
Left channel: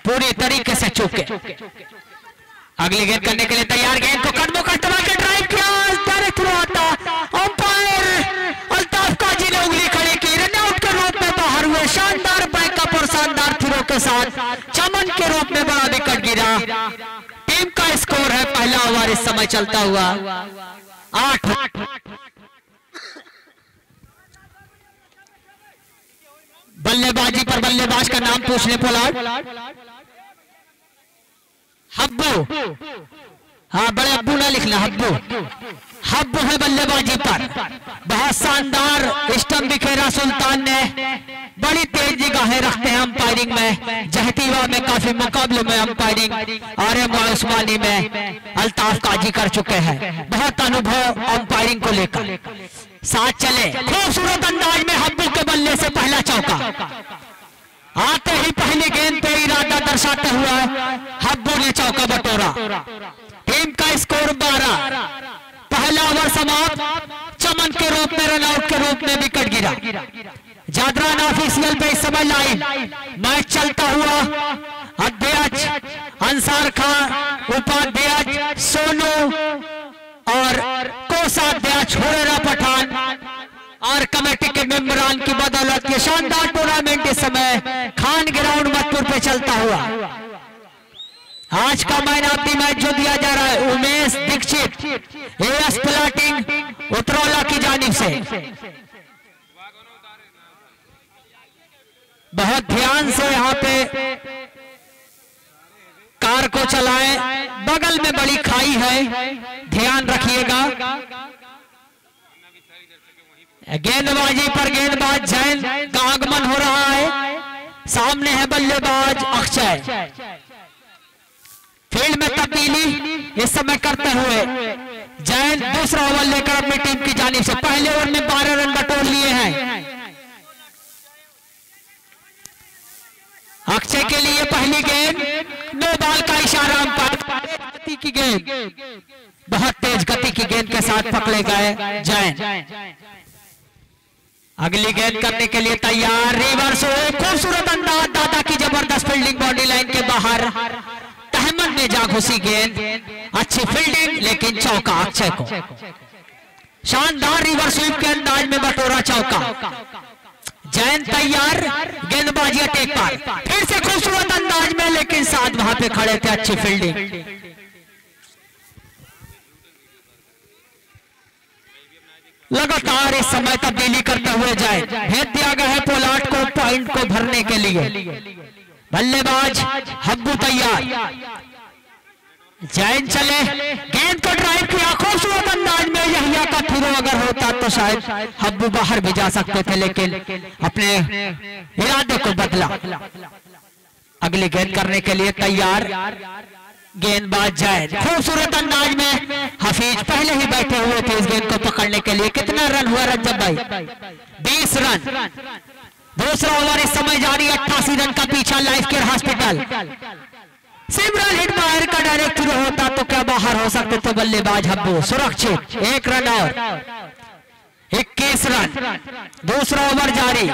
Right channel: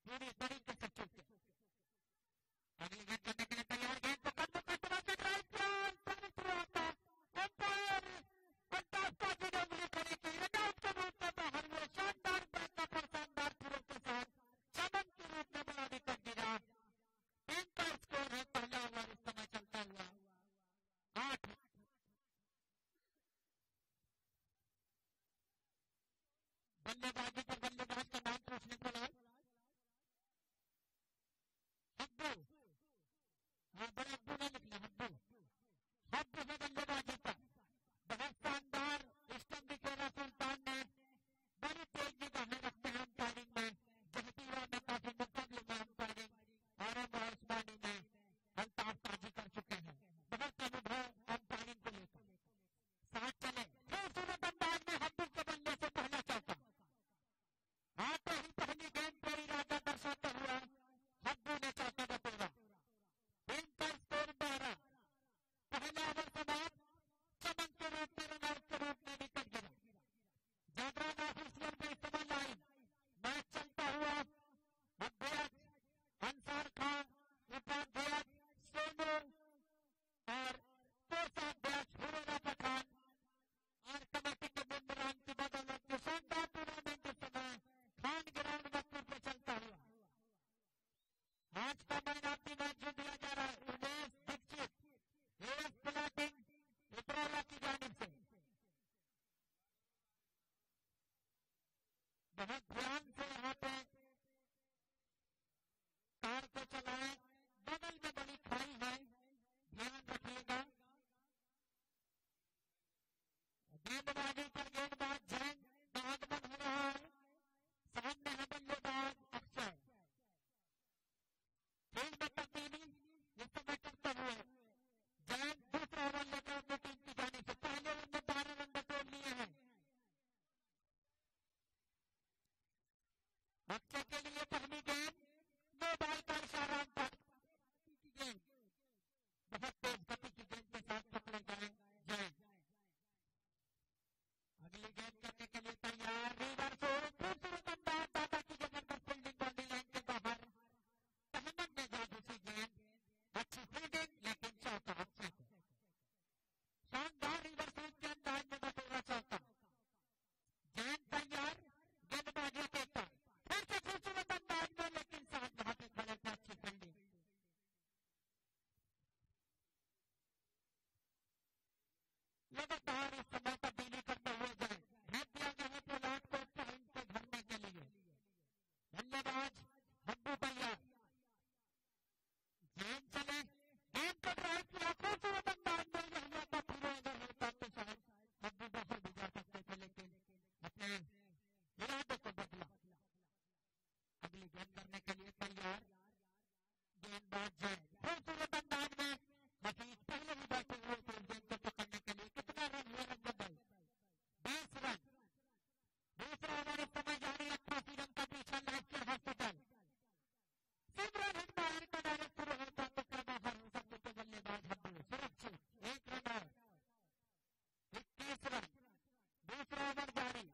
पूरी तरीके से चूके। अगली गेंद करने के लिए तैयार, गेंद को कदमों का इस्तेमाल कर ड्राइव किया, डायरेक्ट थ्रो आता। अंपायर अल्ताफ काजी ने उंगली खड़ी की, रन आउट के रूप में बाहर हुए। शानदार बैकअप और शानदार थ्रो के साथ चमन के रूप में बड़ा विकेट गिरा। टीम का स्कोर है पहला ओवर इस समय चलता हुआ 8। बल्लेबाजी पर बल्लेबाज का नाम पूछ ले पोलार्ड। हब्बू, हाँ बड़े अब्बू ना लिखना, हब्बू है बल्लेबाजी पर। बहुत शानदार स्टंप बिखेरा सुल्तान ने, बड़ी तेज निगाहें रखते हैं अंपायरिंग में। जहतीवा में काफी मुकाबलों में अंपायरिंग आरएम उस्मानी में अल्ताफ काजी कर चुके हैं। बहुत अनुभव अंपायरिंग को लेकर। साथ चले, खूबसूरत अंदाज में हब्बू के बल्ले से पहला चौका। आते ही पहली गेंद पे इरादा दर्शाते हुए हब्बू ने चौका बटोरा। टीम का स्कोर 12। पहला ओवर समाप्त। चमन के रूप में रन आउट के रूप में विकेट गिरा। जादरान ऑफिशियल पे इस समय लाइव मैच चलता हुआ अध्यक्ष अंसार खान, उपाध्यक्ष सोनू और कोषाध्यक्ष हुरेरा पठान और कमेटी के मेंबरान की बदौलत ये शानदार टूर्नामेंट इस समय खान ग्राउंड मधुपुर पे चलता हुआ। आज का मैन ऑफ द मैच जो दिया जा रहा है उमेश दीक्षित एएस प्लाटिंग उतरौला की जानिब से। बहुत ध्यान से यहाँ पे कार को चलाएं, बगल में बड़ी खाई है, ध्यान रखिएगा। गेंदबाजी पर गेंदबाज जैन का आगमन हो रहा है। सामने है बल्लेबाज अक्षय। फील्ड में तब्दीली इस समय करते हुए जैन दूसरा ओवर लेकर अपनी टीम की जानिब से पहले ओवर में 12 रन बटोर लिए हैं। अक्षय के लिए पहली गेंद, नो बॉल का इशारा अंपायर। गति की गेंद, बहुत तेज गति की गेंद के साथ पकड़े गए जैन। अगली गेंद करने के लिए तैयार, रिवर्स खूबसूरत अंदाज, दादा की जबरदस्त फील्डिंग बाउंड्री लाइन के बाहर। तहमद ने जा घुसी गेंद, अच्छी फील्डिंग लेकिन चौका अक्षय को। शानदार रिवर्स स्वीप के अंदाज में बटोरा चौका। जैन तैयार, गेंदबाजी अटैक पर, फिर से खूबसूरत अंदाज में, लेकिन साथ वहां पे खड़े थे, अच्छी फील्डिंग। लगातार इस समय तब्दीली करते हुए जाए, भेज दिया गया है पोलार्ड को पॉइंट को भरने के लिए। बल्लेबाज हब्बू तैयार, जैन चले, गेंद को ड्राइव किया खूबसूरत अंदाज में। यहिया का थ्रो अगर होता तो शायद हब्बू बाहर भी जा सकते थे, लेकिन अपने इरादे को बदला। अगली गेंद करने के लिए तैयार, गेंदबाज जैन खूबसूरत अंदाज में। हफीज पहले ही बैठे हुए थे इस गेंद को पकड़ने के लिए। कितना रन हुआ रज्जब भाई? 20 रन। दूसरा ओवर इस समय जारी, 88 रन का पीछा लाइफ केयर हॉस्पिटल। सिमरन हिटमायर का डायरेक्ट थ्रो होता तो क्या बाहर हो सकते थे बल्लेबाज हब्बू। सुरक्षित 1 रन और 21 रन, दूसरा ओवर जारी।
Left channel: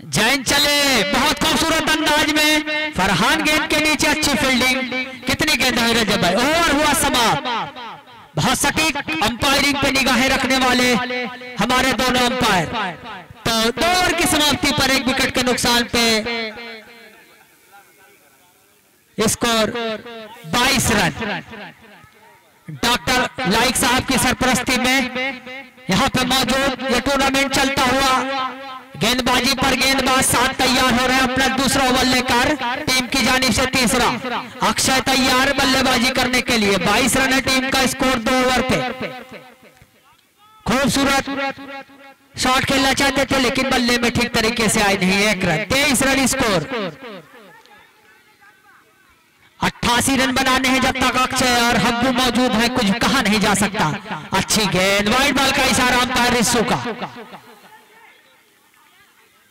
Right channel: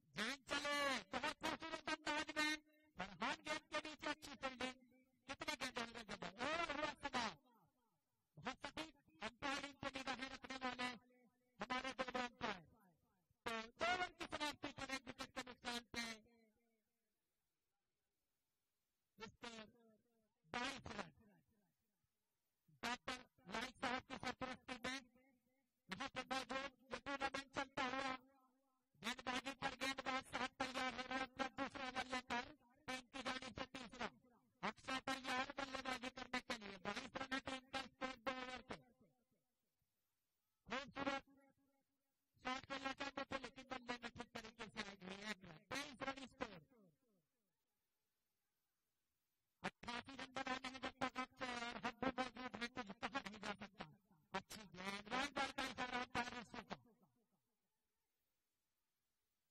जैन चले बहुत खूबसूरत अंदाज में, फरहान गेंद के नीचे अच्छी फील्डिंग। कितनी गेंद है रजब भाई? ओवर हुआ समाप्त। बहुत सटीक अंपायरिंग पे निगाहें रखने वाले हमारे दोनों अंपायर। तो 2 ओवर की समाप्ति पर 1 विकेट के नुकसान पे स्कोर 22 रन। डॉक्टर लाइक साहब की सरपरस्ती में यहाँ पे मौजूद ये टूर्नामेंट चलता हुआ। गेंदबाजी पर गेंदबाज 7 तैयार हो रहे हैं अपना दूसरा ओवर लेकर। टीम की जानिब से तीसरा। अक्षय तैयार बल्लेबाजी करने के लिए। 22 रन है टीम का स्कोर 2 ओवर पे। खूबसूरत शॉट खेलना चाहते थे लेकिन बल्ले में ठीक तरीके से आए नहीं। 1 रन, 23 रन स्कोर। 88 रन बनाने हैं जब तक अक्षय और हब्बू मौजूद है, कुछ कहा नहीं जा सकता। अच्छी गेंद, वाइड बॉल का इशारा अंपायर रिस्सू का।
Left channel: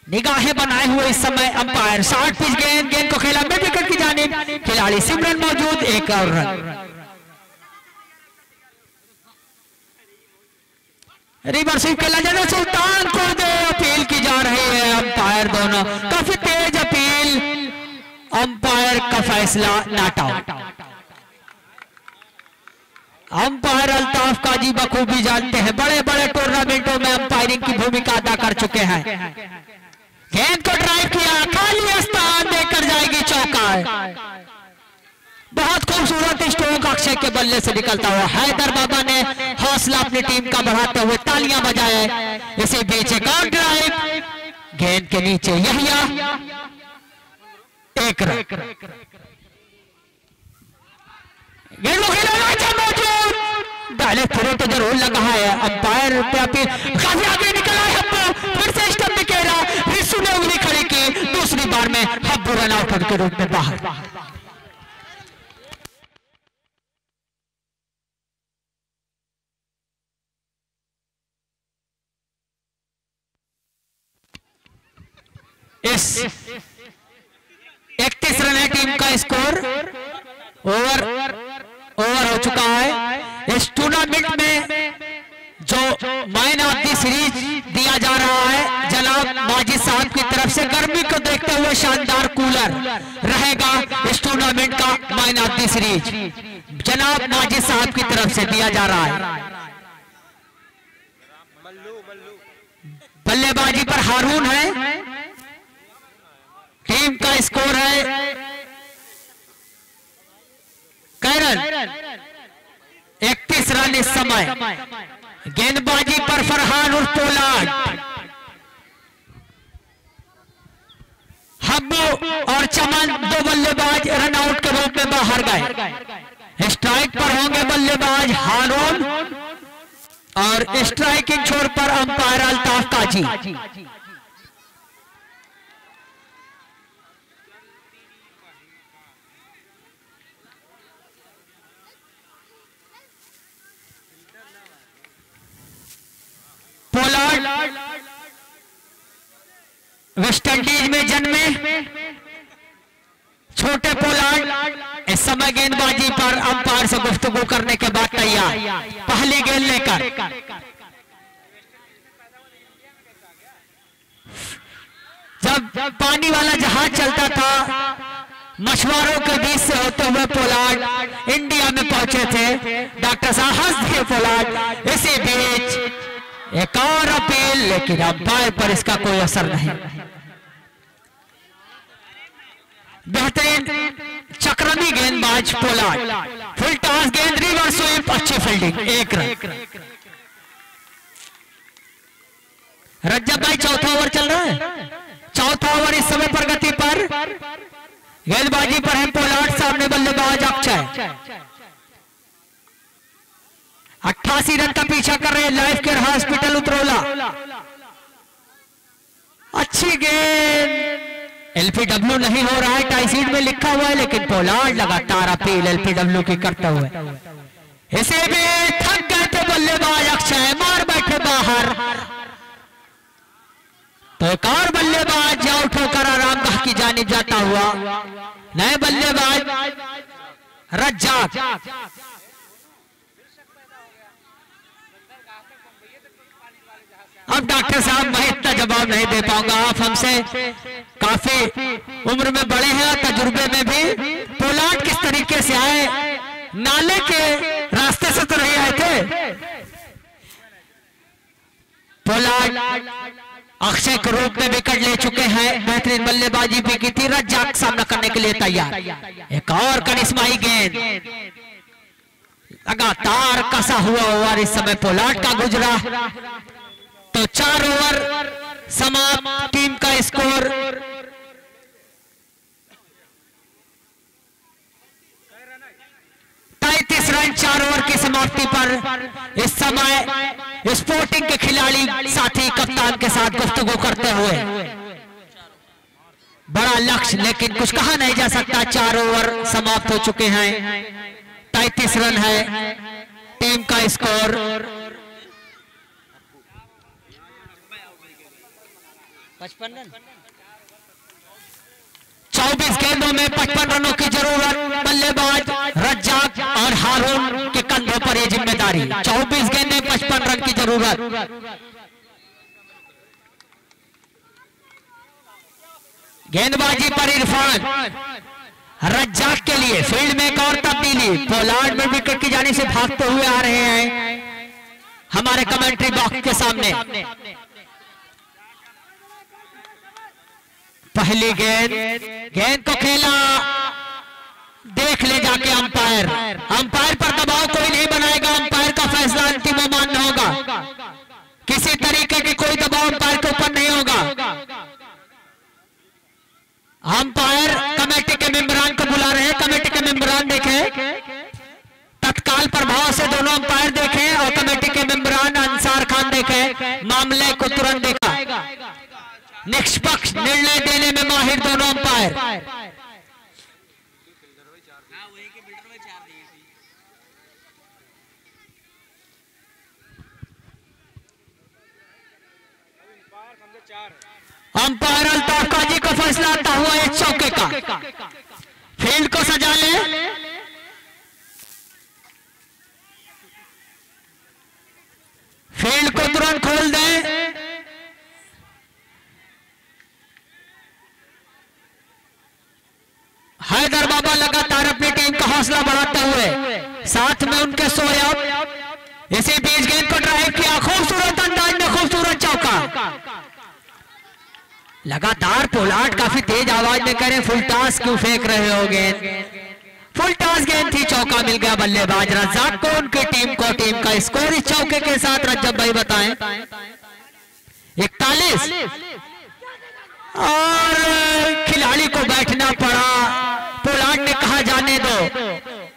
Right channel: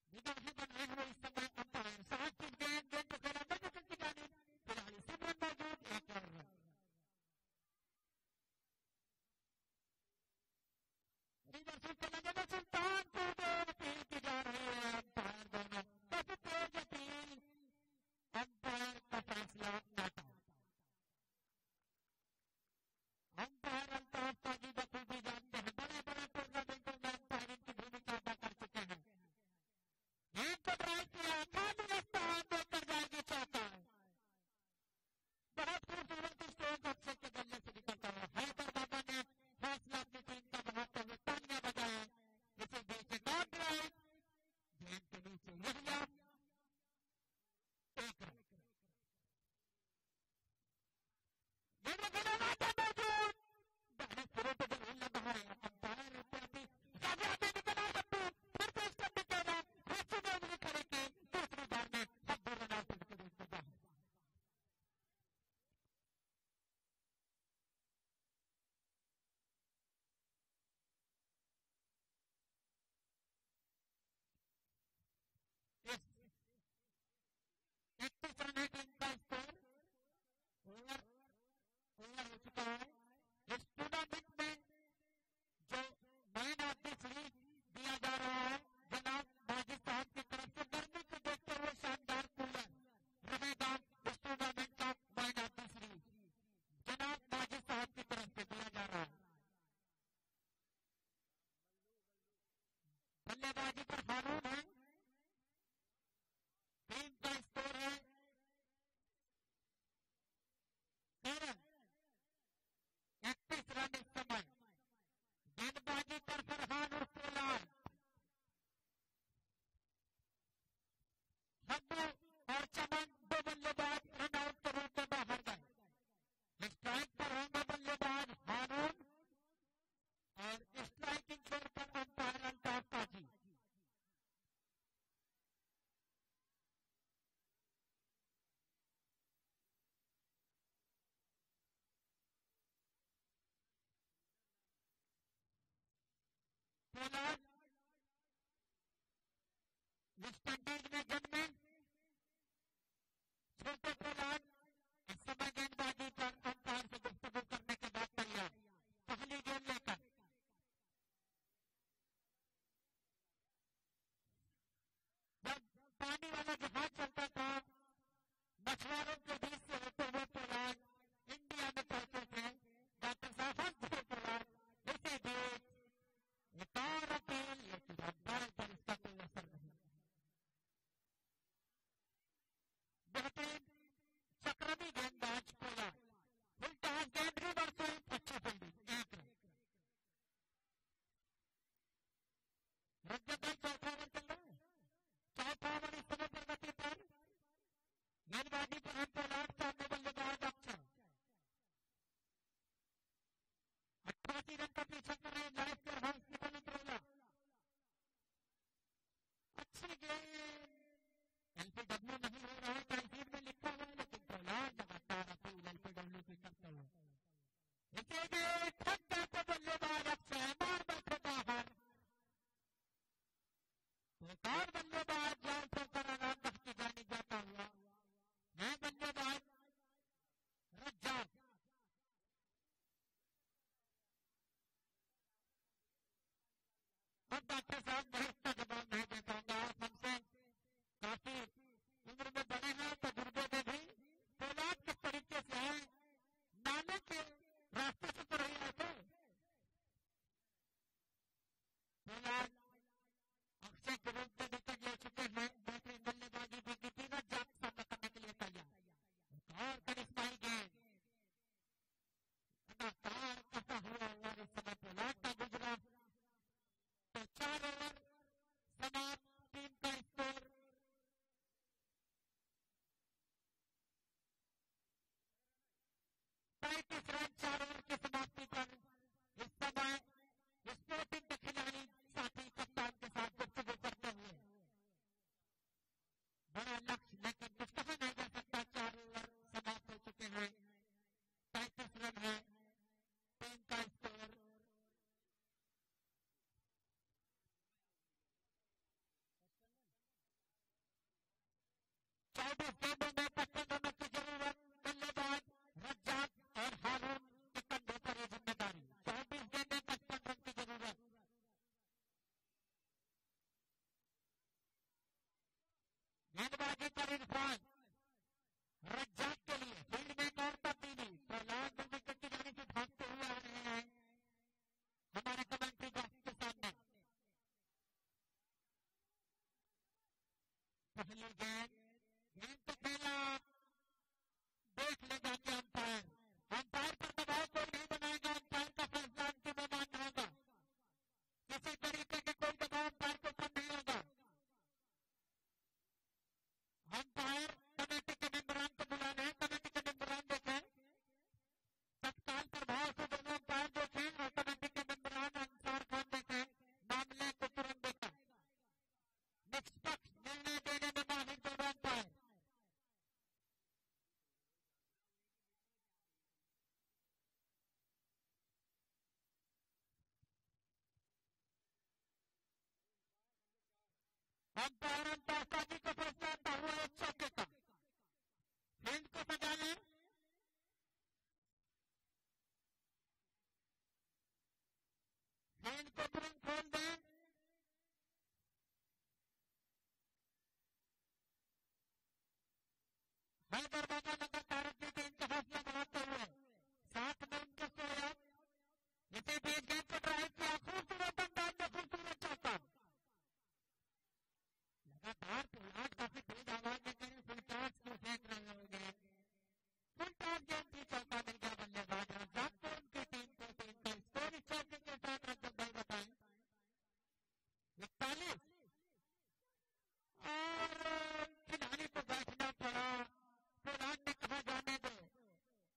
निगाहें बनाए हुए इस समय अंपायर। 60 पिच गेंद, गेंद को खेला मिड विकेट की जानिब। खिलाड़ी सिमरन मौजूद, 1 और रन। रिवर्स स्वीप खेला जाना, सुल्तान को दे अपील की जा रही है। अंपायर दोनों काफी तेज अपील, अंपायर का फैसला नॉट आउट। अंपायर अल्ताफ काजी बखूबी जानते हैं, बड़े बड़े टूर्नामेंटों में अंपायरिंग की भूमिका अदा कर चुके हैं। गेंद को ड्राइव किया, खाली स्थान देकर जाएगी चौका। बहुत खूबसूरत स्ट्रोक अक्षय के बल्ले से निकलता हुआ। हैदर बाबा ने हौसला अपनी टीम का बढ़ाते हुए तालियां बजाए। इसी बीच एक और ड्राइव, गेंद के नीचे यहिया, 1 रन। गेंद को खेला मौजूद, पहले थोड़ा तो जरूर लगा है। अंपायर पे अपील, काफी आगे निकला है हब्बू, फिर से स्टंप में घेरा, रिस्सू ने उंगली खड़ी की। दूसरी बार में हब्बू रन आउट के रूप में बाहर। इस 31 रन है टीम का स्कोर। ओवर हो चुका है। इस टूर्नामेंट में जो मैन ऑफ द सीरीज दिया जा रहा है जनाब माजिद साहब की तरफ से, गर्मी को देखते हुए शानदार कूलर रहेगा इस टूर्नामेंट का मैन ऑफ द सीरीज। जनाब माजिद साहब की तरफ से दिया जा रहा है। बल्लेबाजी पर हारून है। टीम का स्कोर है कैरन 31 रन इस समय। गेंदबाजी पर फरहान और पोलार्ड। हब्बू और चमन 2 बल्लेबाज रन आउट के रूप में बाहर गए। स्ट्राइक पर होंगे बल्लेबाज हारून और स्ट्राइकिंग छोर पर अंपायर अल्ताफ काजी। पोलार्ड वेस्ट इंडीज में जन्मे छोटे पोलार्ड इस समय गेंदबाजी पर अंपायर से गुफ्तगू करने के बाद तैयार। पहली गेंद लेकर जब पानी वाला जहाज चलता था, मछुआरों के बीच से होते हुए पोलार्ड इंडिया में पहुंचे थे। डॉक्टर साहब हंस दिए पोलार्ड। इसी बीच एक और अपील, लेकिन अंपायर पर इसका कोई असर नहीं। बेहतरीन चक्रमी गेंदबाज पोलार्ड। फुल टॉस गेंद, रिवर्स स्वीप, अच्छी फील्डिंग, 1 रन। रज्जब भाई चौथा ओवर चल रहा है। चौथा ओवर इस समय प्रगति पर। गेंदबाजी पर है पोलार्ड, सामने बल्लेबाज अक्षय। 88 रन का पीछा कर रहे हैं लाइफ केयर हॉस्पिटल उतरौला। अच्छी गेंद, एलपीडब्ल्यू नहीं हो रहा है, टाई सीट में लिखा हुआ है, लेकिन पोलार्ड लगातार अपील एलपीडब्ल्यू की करता हुआ। इसे भी थक गए थे बल्लेबाज अक्षय, मार बैठे बाहर। तो एक और बल्लेबाज आउट होकर आरामगाह की जानिब जाता हुआ। नए बल्लेबाज रज्जाक अब डॉक्टर साहब मैं इतना जवाब नहीं दे पाऊंगा, आप हमसे काफी उम्र में बड़े हैं और तजुर्बे में भी। पोलार्ड किस तरीके से आए, नाले के रास्ते से तो नहीं आए थे। पोलार्ड अक्षय के रूप में विकेट ले चुके हैं, बेहतरीन बल्लेबाजी भी की थी। रज्जाक सामना करने के लिए तैयार, एक और करिश्माई गेंद, लगातार कसा हुआ ओवर इस समय पोलार्ड का गुजरा। तो 4 ओवर समाप्त, टीम का स्कोर 33 रन 4 ओवर की समाप्ति पर। इस समय स्पोर्टिंग के खिलाड़ी साथी कप्तान के साथ गुफ्तगू करते हुए, बड़ा लक्ष्य लेकिन कुछ कहा नहीं जा सकता। 4 ओवर समाप्त हो चुके हैं, 33 रन है टीम का स्कोर। 55 रन, 24 गेंदों में 55 रनों की जरूरत। बल्लेबाज रज्जाक और हारून के कंधों पर यह जिम्मेदारी। 24 गेंदें 55 रन की जरूरत। गेंदबाजी पर इरफान, रज्जाक के लिए फील्ड में एक और तब्दीली। पोलार्ड में विकेट की जाने से भागते हुए आ रहे हैं हमारे कमेंट्री बॉक्स के सामने। पहली गेंद को खेला, देख ले जाके अंपायर। अंपायर पर दबाव कोई नहीं बनाएगा, अंपायर का फैसला अंतिम मान्य होगा। किसी तरीके की कोई दबाव अंपायर के ऊपर नहीं होगा। अंपायर कमेटी के मेंबरान को बुला रहे हैं, कमेटी के मेंबरान देखें, तत्काल प्रभाव से दोनों अंपायर देखें और कमेटी के मेंबरान अंसार खान देखें, मामले को तुरंत देखा। निष्पक्ष निर्णय देने में माहिर दोनों अंपायर। अंपायर अल्ताफ काजी को फैसला आता हुआ एक चौके का। फील्ड को सजा ले, फील्ड को तुरंत खोल दे। हैदर बाबा लगातार अपनी टीम का हौसला बढ़ाते हुए, साथ में उनके सोयाब। इसी बीच गेंद को ड्राइव किया, खूबसूरत अंदाज में खूबसूरत चौका। लगातार पोलार्ड काफी तेज आवाज में कह रहे फुल टॉस क्यों फेंक रहे हो गेंद। फुल टॉस गेंद थी, चौका मिल गया बल्लेबाज रज्जाक को, उनकी टीम को। टीम का स्कोर इस चौके के साथ रज्जब भाई बताएं 41। और खिलाड़ी को बैठना पड़ा। पोलार्ड ने कहा जाने दो,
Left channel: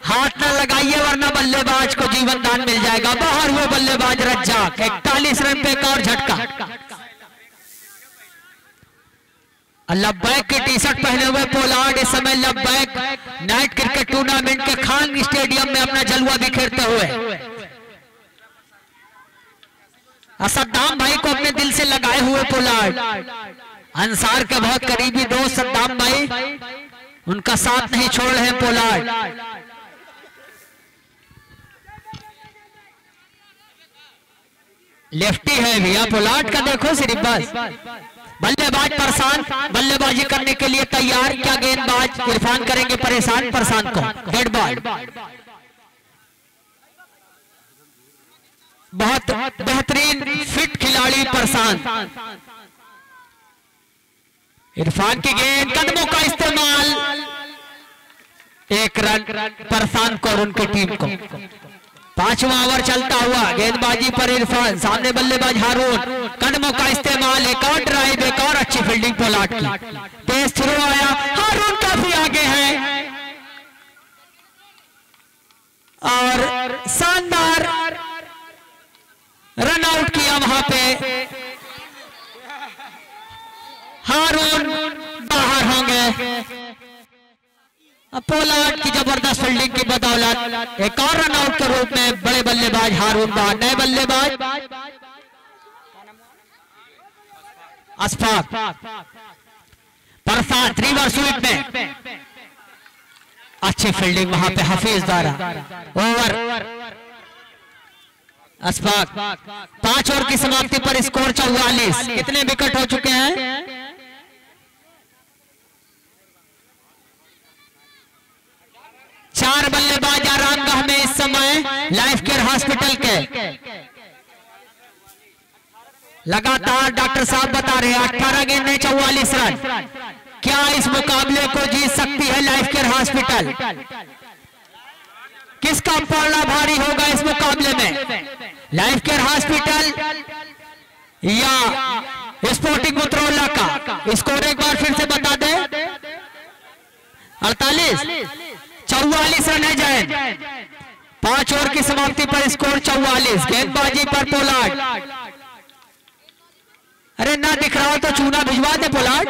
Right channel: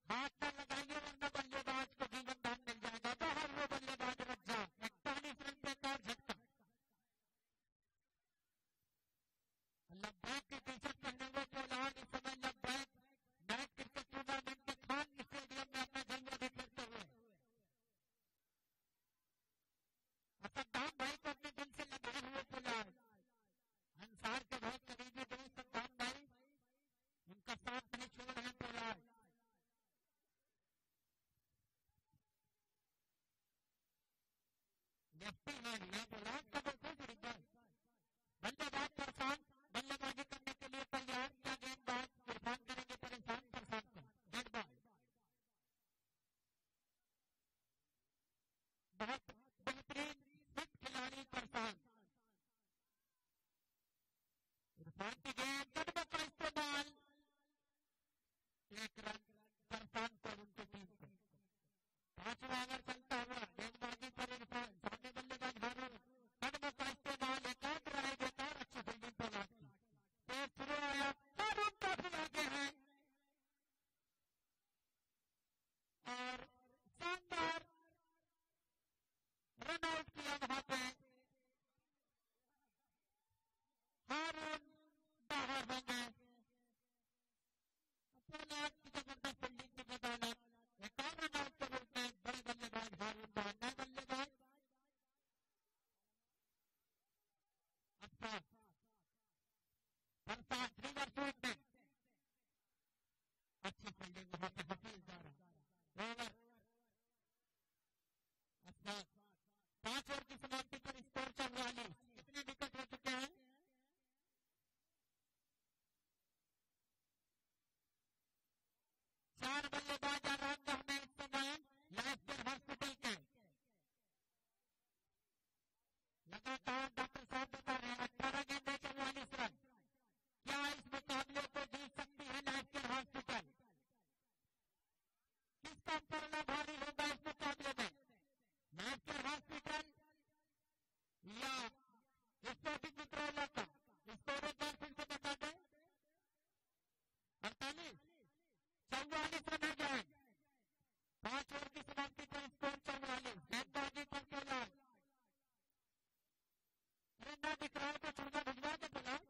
हाथ न लगाइए वरना बल्लेबाज को जीवन दान मिल जाएगा। बाहर हुए बल्लेबाज रज्जाक। 41 रन पे एक और झटका। लब्बैक की टी शर्ट पहने हुए पोलार्ड इस समय लब्बैक नाइट क्रिकेट टूर्नामेंट के खान स्टेडियम में अपना जलवा बिखेरते हुए, सद्दाम भाई को अपने दिल से लगाए हुए पोलार्ड। अंसार के बहुत करीबी दोस्त सद्दाम भाई, उनका साथ नहीं छोड़ रहे पोलार्ड। लेफ्टी है भैया पोलार्ड का, देखो सिर्फ बस। बल्लेबाज परेशान, बल्लेबाजी करने के लिए तैयार। क्या गेंदबाज इरफान करेंगे परेशान परसान को। डेड बॉल, बहुत बेहतरीन फिट खिलाड़ी परसान। इरफान की गेंद, कदमों का इस्तेमाल, 1 रन परसान को और उनकी टीम को। 5वां ओवर चलता हुआ, गेंदबाजी पर इरफान, सामने बल्लेबाज हारून, कदमों का इस्तेमाल, एक और ड्राइव, एक और अच्छी फील्डिंग पोलार्ड की। तेज थ्रो आया, हारून काफी आगे है और शानदार रन आउट किया वहां पे। हारून बाहर होंगे। पोलार्ड की जबरदस्त फील्डिंग की बदौलत एक और रन आउट के रूप में बड़े बल्लेबाज हारून बाहर। नए बल्लेबाज अशफाक परसान, रिवर्स स्वीप में अच्छी फील्डिंग वहां पे हफीज द्वारा। ओवर अशफाक 5 ओवर की समाप्ति पर स्कोर 44। कितने विकेट हो चुके हैं? 4 बल्लेबाज आरामगाह में इस समय लाइफ केयर हॉस्पिटल के। लगातार डॉक्टर साहब बता रहे हैं 18 गेंद में 44 रन। क्या इस मुकाबले को जीत सकती है लाइफ केयर हॉस्पिटल? किसका पलड़ा भारी होगा इस मुकाबले में? लाइफ केयर हॉस्पिटल या स्पोर्टिंग मुत्रोला का? स्कोर एक बार फिर से बता दें। 48 44 रन है जैन। 5 ओवर की समाप्ति पर स्कोर 44। गेंदबाजी पर पोलार्ड। अरे ना दिख रहा हो तो चूना भिजवा दे पोलार्ड।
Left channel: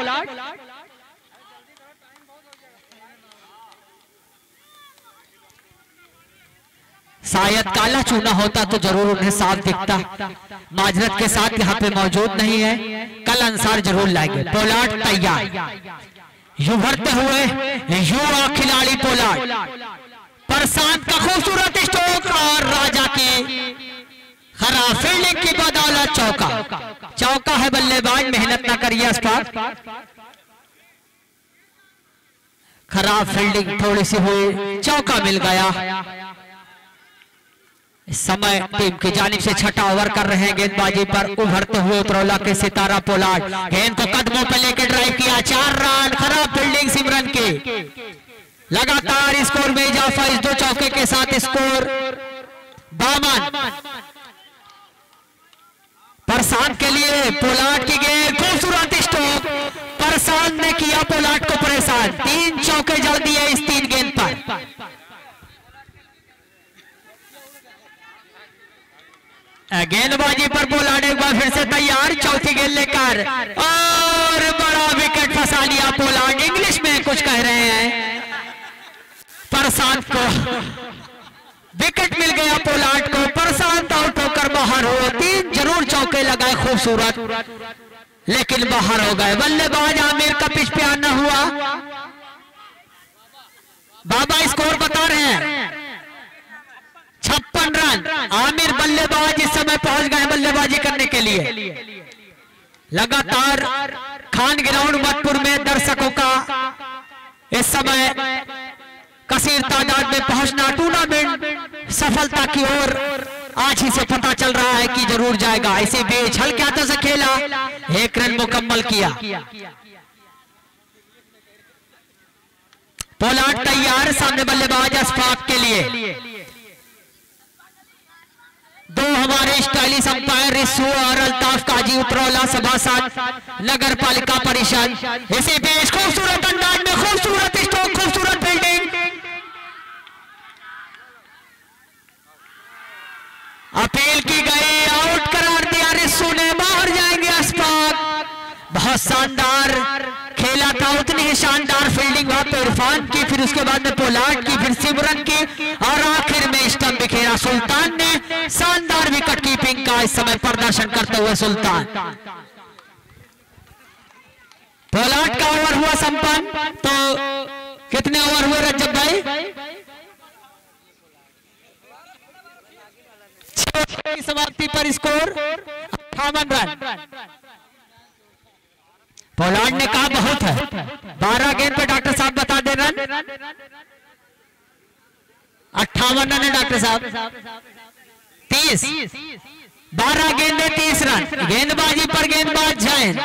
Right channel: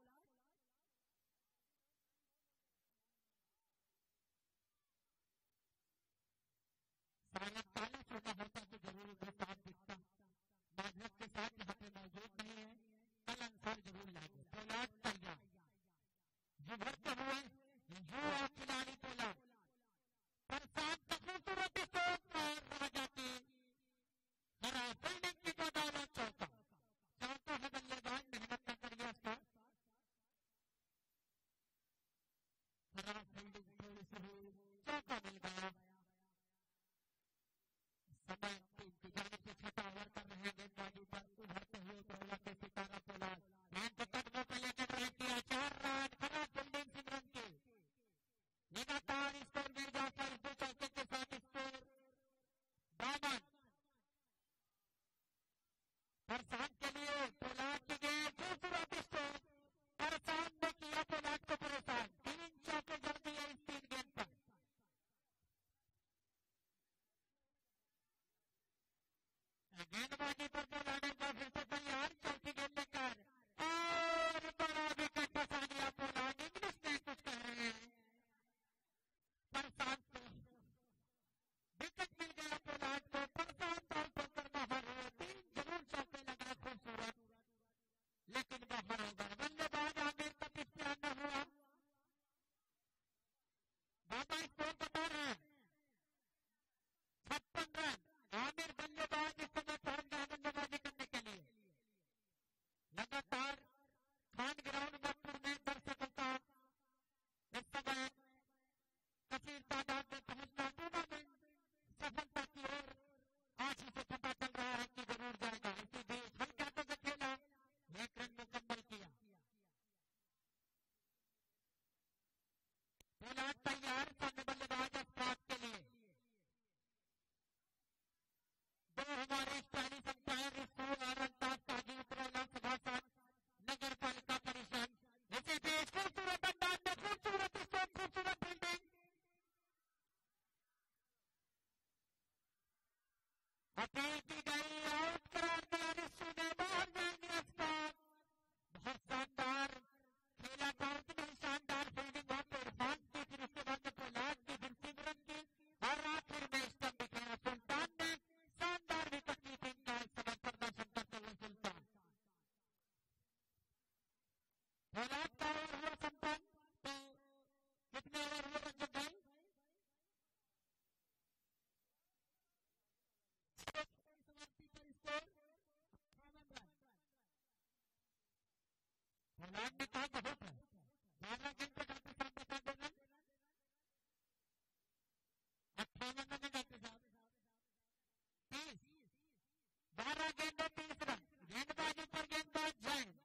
शायद काला चूना होता तो जरूर उन्हें साफ दिखता। माजरत के साथ यहाँ पे मौजूद नहीं है, कल अंसार जरूर लाएंगे। पोलार्ड तैयार। उभरते हुए युवा खिलाड़ी पोलार्ड। प्रशांत का खूबसूरत स्ट्रोक और राजा की खराब फील्डिंग की बदौलत चौका है। बल्लेबाज मेहनत ना करिए अशफाक। खराब फील्डिंग थोड़ी सी हुई, चौका मिल गया। इस समय टीम की जानिब से छठा ओवर कर रहे हैं गेंदबाजी पर उभरते हुए उतरौला के सितारा पोलार्ड। गेंद को कदमों पर लेकर ड्राइव किया, 4 रन। खराब फील्डिंग सिमरन की। लगातार स्कोर में इजाफा इस 2 चौके के साथ। स्कोर 52। प्रशांत के लिए पोलार्ड की गेंद, खूबसूरत स्ट्रोक। प्रशांत ने किया पोलार्ड को परेशान। 3 चौके जड़ दिए इस 3 गेंद पर। गेंदबाजी पर पोलार्ड एक बार फिर से तैयार। चौथी गेंद लेकर और बड़ा विकेट फंसा लिया पोलार्ड। इंग्लिश में कुछ कह रहे हैं। प्रशांत को विकेट मिल गया पोलार्ड को। प्रशांत आउट होकर बाहर हो। 3 जरूर चौके लगाए खूबसूरत, लेकिन बाहर हो गए। बल्लेबाज आमिर का पिच पे आना हुआ। बाबा स्कोर बता रहे हैं 56 रन। आमिर बल्लेबाज इस समय पहुंच गए बल्लेबाजी करने के लिए। लगातार खान ग्राउंड मटपुर में दर्शकों का इस समय कसीर तादाद में पहुंचना टूर्नामेंट सफलता की ओर आज ही से पता चल रहा है कि जरूर जाएगा। इसी बीच हल्के हाथों से खेला, 1 रन मुकम्मल किया। पोलार्ड तैयार। सामने बल्लेबाज अशफाक के लिए। 2 हमारे स्टाइलिश अंपायर रिसू और अल्ताफ काजी उतरौला सभासद नगर पालिका परिषद। इसी बीच खूबसूरत अंदाज में खूबसूरत स्ट्रोक, खूबसूरत फील्डिंग। अपील की गई, आउट करार दिया रिसू ने। बाहर जाएंगे अशफाक। बहुत शानदार खेला था, उतनी ही शानदार फील्डिंग वहां पे इरफान की, फिर उसके बाद में पोलार्ड की, फिर सिमरन की और आखिर में स्टंप बिखेरा सुल्तान ने। शानदार विकेट कीपिंग का इस समय प्रदर्शन करते हुए सुल्तान। पोलार्ड का ओवर हुआ संपन्न। तो कितने ओवर हुए रज्जब भाई? 6 की समाप्ति पर स्कोर 58 रन। पोलार्ड ने कहा बहुत है। 12 गेंद पे डॉक्टर साहब बता दे रन। 58 रन है डॉक्टर साहब। 30 12 गेंदे 30 रन। गेंदबाजी पर गेंदबाज जैन।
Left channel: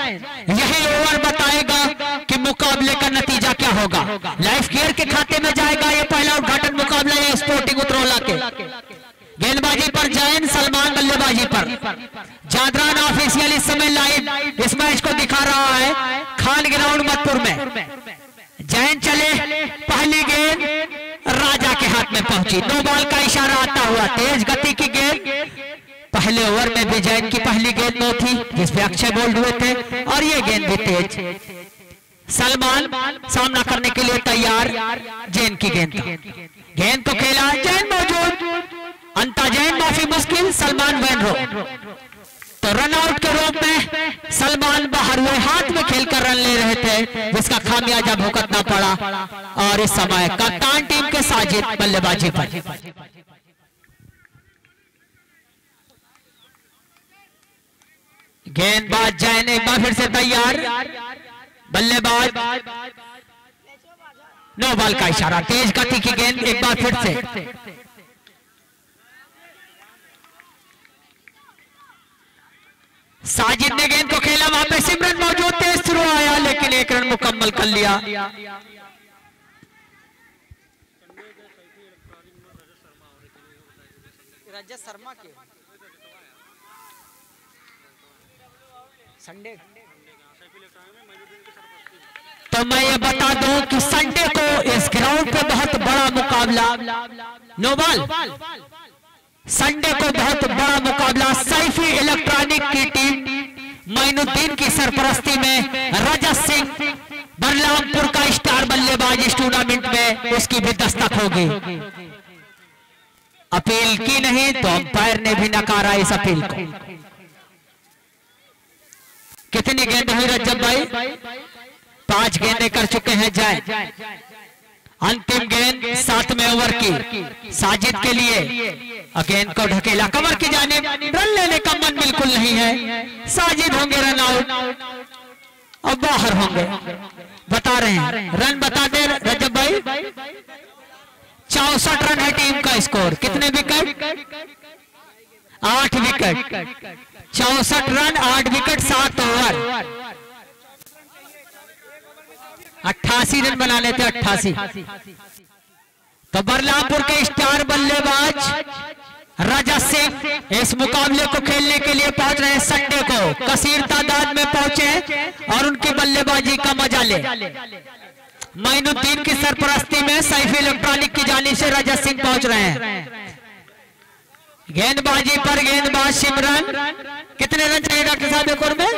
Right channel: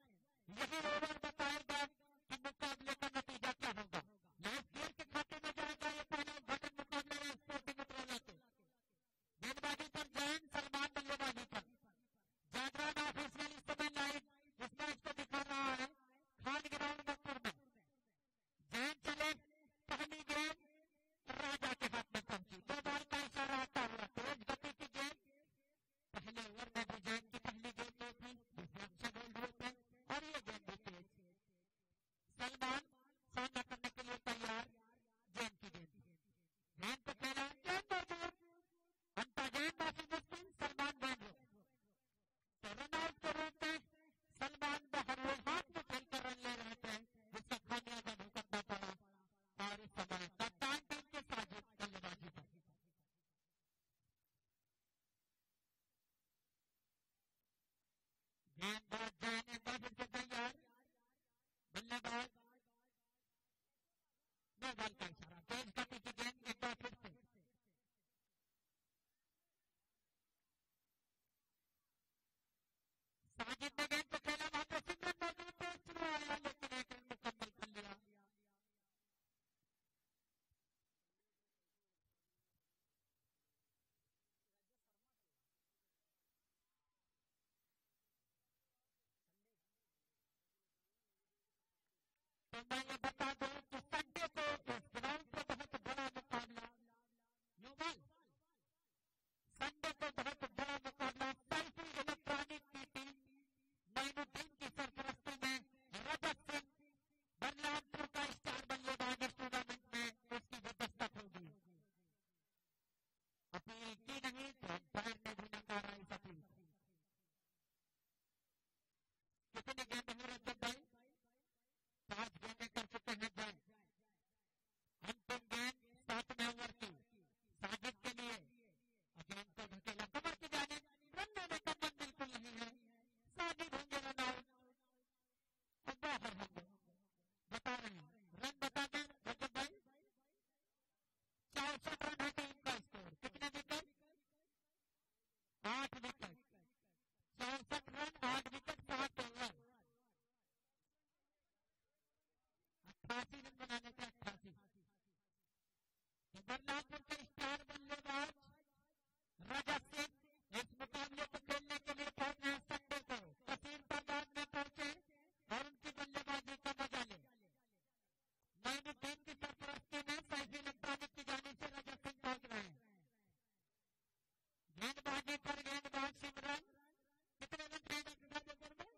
यही ओवर बताएगा कि मुकाबले का नतीजा क्या होगा। लाइफ केयर के खाते में जाएगा ये पहला उद्घाटन मुकाबला है स्पोर्टिंग उतरौला के। गेंदबाजी पर जैन, सलमान बल्लेबाजी पर। जादरान ऑफिशियल इस समय लाइव इस मैच को दिखा रहा है खान ग्राउंड मटपुर में। जैन चले, पहली गेंद राजा के हाथ में पहुंची। 2 बॉल का इशारा आता हुआ, तेज गति की गेंद। पहले ओवर में भी जैन की पहली गेंद नो थी जिसपे अक्षय बोल्ड हुए थे और ये गेंद भी तेज। सलमान सामना करने के लिए तैयार जैन की गेंद का। गेंद को खेला, जैन मौजूद, अंता जैन माफी मुश्किल, सलमान वैनरो। तो रन आउट के रूप में सलमान बाहर हुए, हाथ में खेलकर रन ले रहे थे जिसका खामियाजा भुगतना पड़ा। और इस समय कप्तान टीम के साजिद बल्लेबाजी पर। गेंदबाज जैन एक बार फिर से तैयार, बल्लेबाज नो बॉल का इशारा, तेज गति की गेंद एक बार फिर से। साजिद ने गेंद को खेला, वहां पे सिमरन मौजूद, तेज थ्रो आया लेकिन एक रन मुकम्मल कर लिया। रजत शर्मा के संडे, तो मैं ये बता दूं कि संडे को इस ग्राउंड पे बहुत बड़ा मुकाबला, नो बॉल, संडे को बहुत बड़ा मुकाबला सैफी इलेक्ट्रॉनिक की टीम मोइनुद्दीन की सरपरस्ती में रजत सिंह बलरामपुर का स्टार बल्लेबाज इस टूर्नामेंट में उसकी भी दस्तक होगी। अपील की नहीं तो अंपायर ने भी नकारा इस अपील को। कितनी गेंद हुई रजब भाई? 5 गेंदें कर चुके हैं जय। अंतिम गेंद 7वें ओवर की साजिद के लिए, गेंद को ढकेला कमर की जानिब, रन लेने का मन बिल्कुल नहीं है। साजिद होंगे रन आउट और बाहर होंगे, बता रहे हैं रन बता दे रजब भाई। 64 रन है टीम का स्कोर। कितने wicket? 8 wicket. 64 run 8 wicket 7 over, 88 run बनाने थे, 88। तो बलरामपुर के स्टार बल्लेबाज रजत सिंह इस मुकाबले को खेलने के लिए पहुंच रहे हैं। संडे को कसीर तादाद में पहुंचे और उनकी बल्लेबाजी का मजा ले। मोइनुद्दीन की सरपरस्ती में सैफी इलेक्ट्रॉनिक की जानिब से रजत सिंह पहुंच रहे हैं। गेंदबाजी पर गेंदबाज सिमरन, कितने रन चाहिएगा किसान एक ओवर में?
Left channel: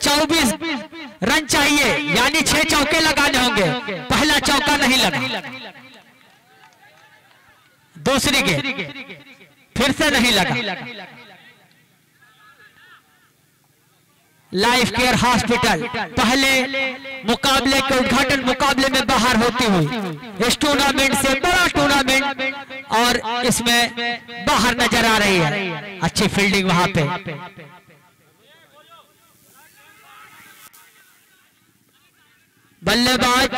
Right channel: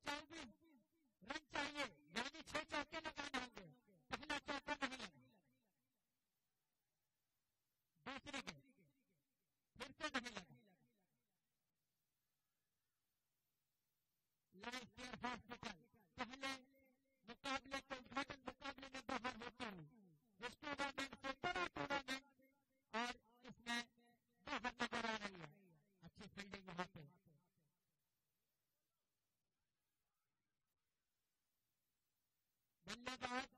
24 रन चाहिए, यानी 6 चौके लगाने होंगे। पहला चौका नहीं लगा, दूसरी गेंद फिर से नहीं लगा। लाइफ केयर हॉस्पिटल पहले मुकाबले के उद्घाटन मुकाबले में बाहर होती हुई इस टूर्नामेंट से बड़ा टूर्नामेंट और इसमें बाहर नजर आ रही है। अच्छी फील्डिंग वहां पे। बल्लेबाज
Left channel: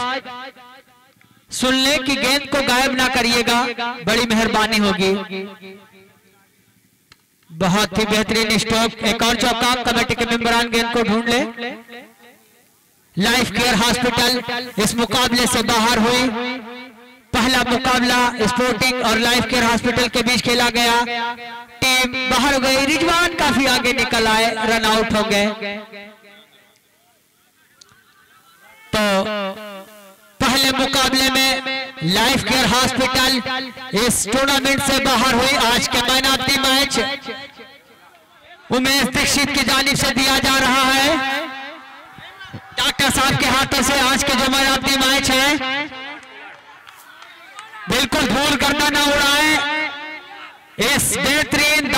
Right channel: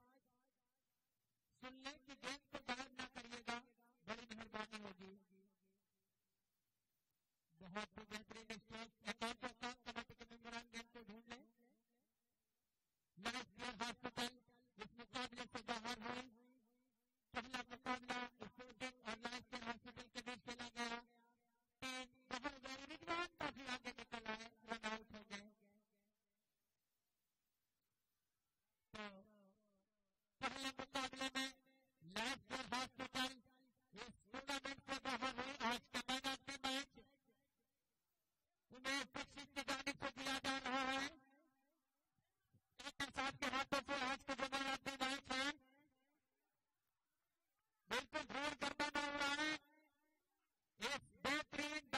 सुन ले कि गेंद को गायब ना करिएगा, बड़ी मेहरबानी होगी। बहुत ही बेहतरीन स्ट्रोक, एक और चौका। कमेटी के मेंबरान गेंद को ढूंढ ले। लाइफ केयर हॉस्पिटल इस मुकाबले से बाहर हुई। पहला मुकाबला स्पोर्टिंग और लाइफ केयर हॉस्पिटल के बीच खेला गया। टीम बाहर हो गई, रिजवान काफी आगे निकल आए, रन आउट हो गए। तो पहले मुकाबले में लाइफ केयर हॉस्पिटल इस टूर्नामेंट से बाहर हुई। आज के man of the match Umesh Dixit की जानिब से दिया जा रहा है। डॉक्टर साहब के हाथों से आज के जो मैन ऑफ द मैच है, बिल्कुल धूल गर्दा न उड़ाए। इस बेहतरीन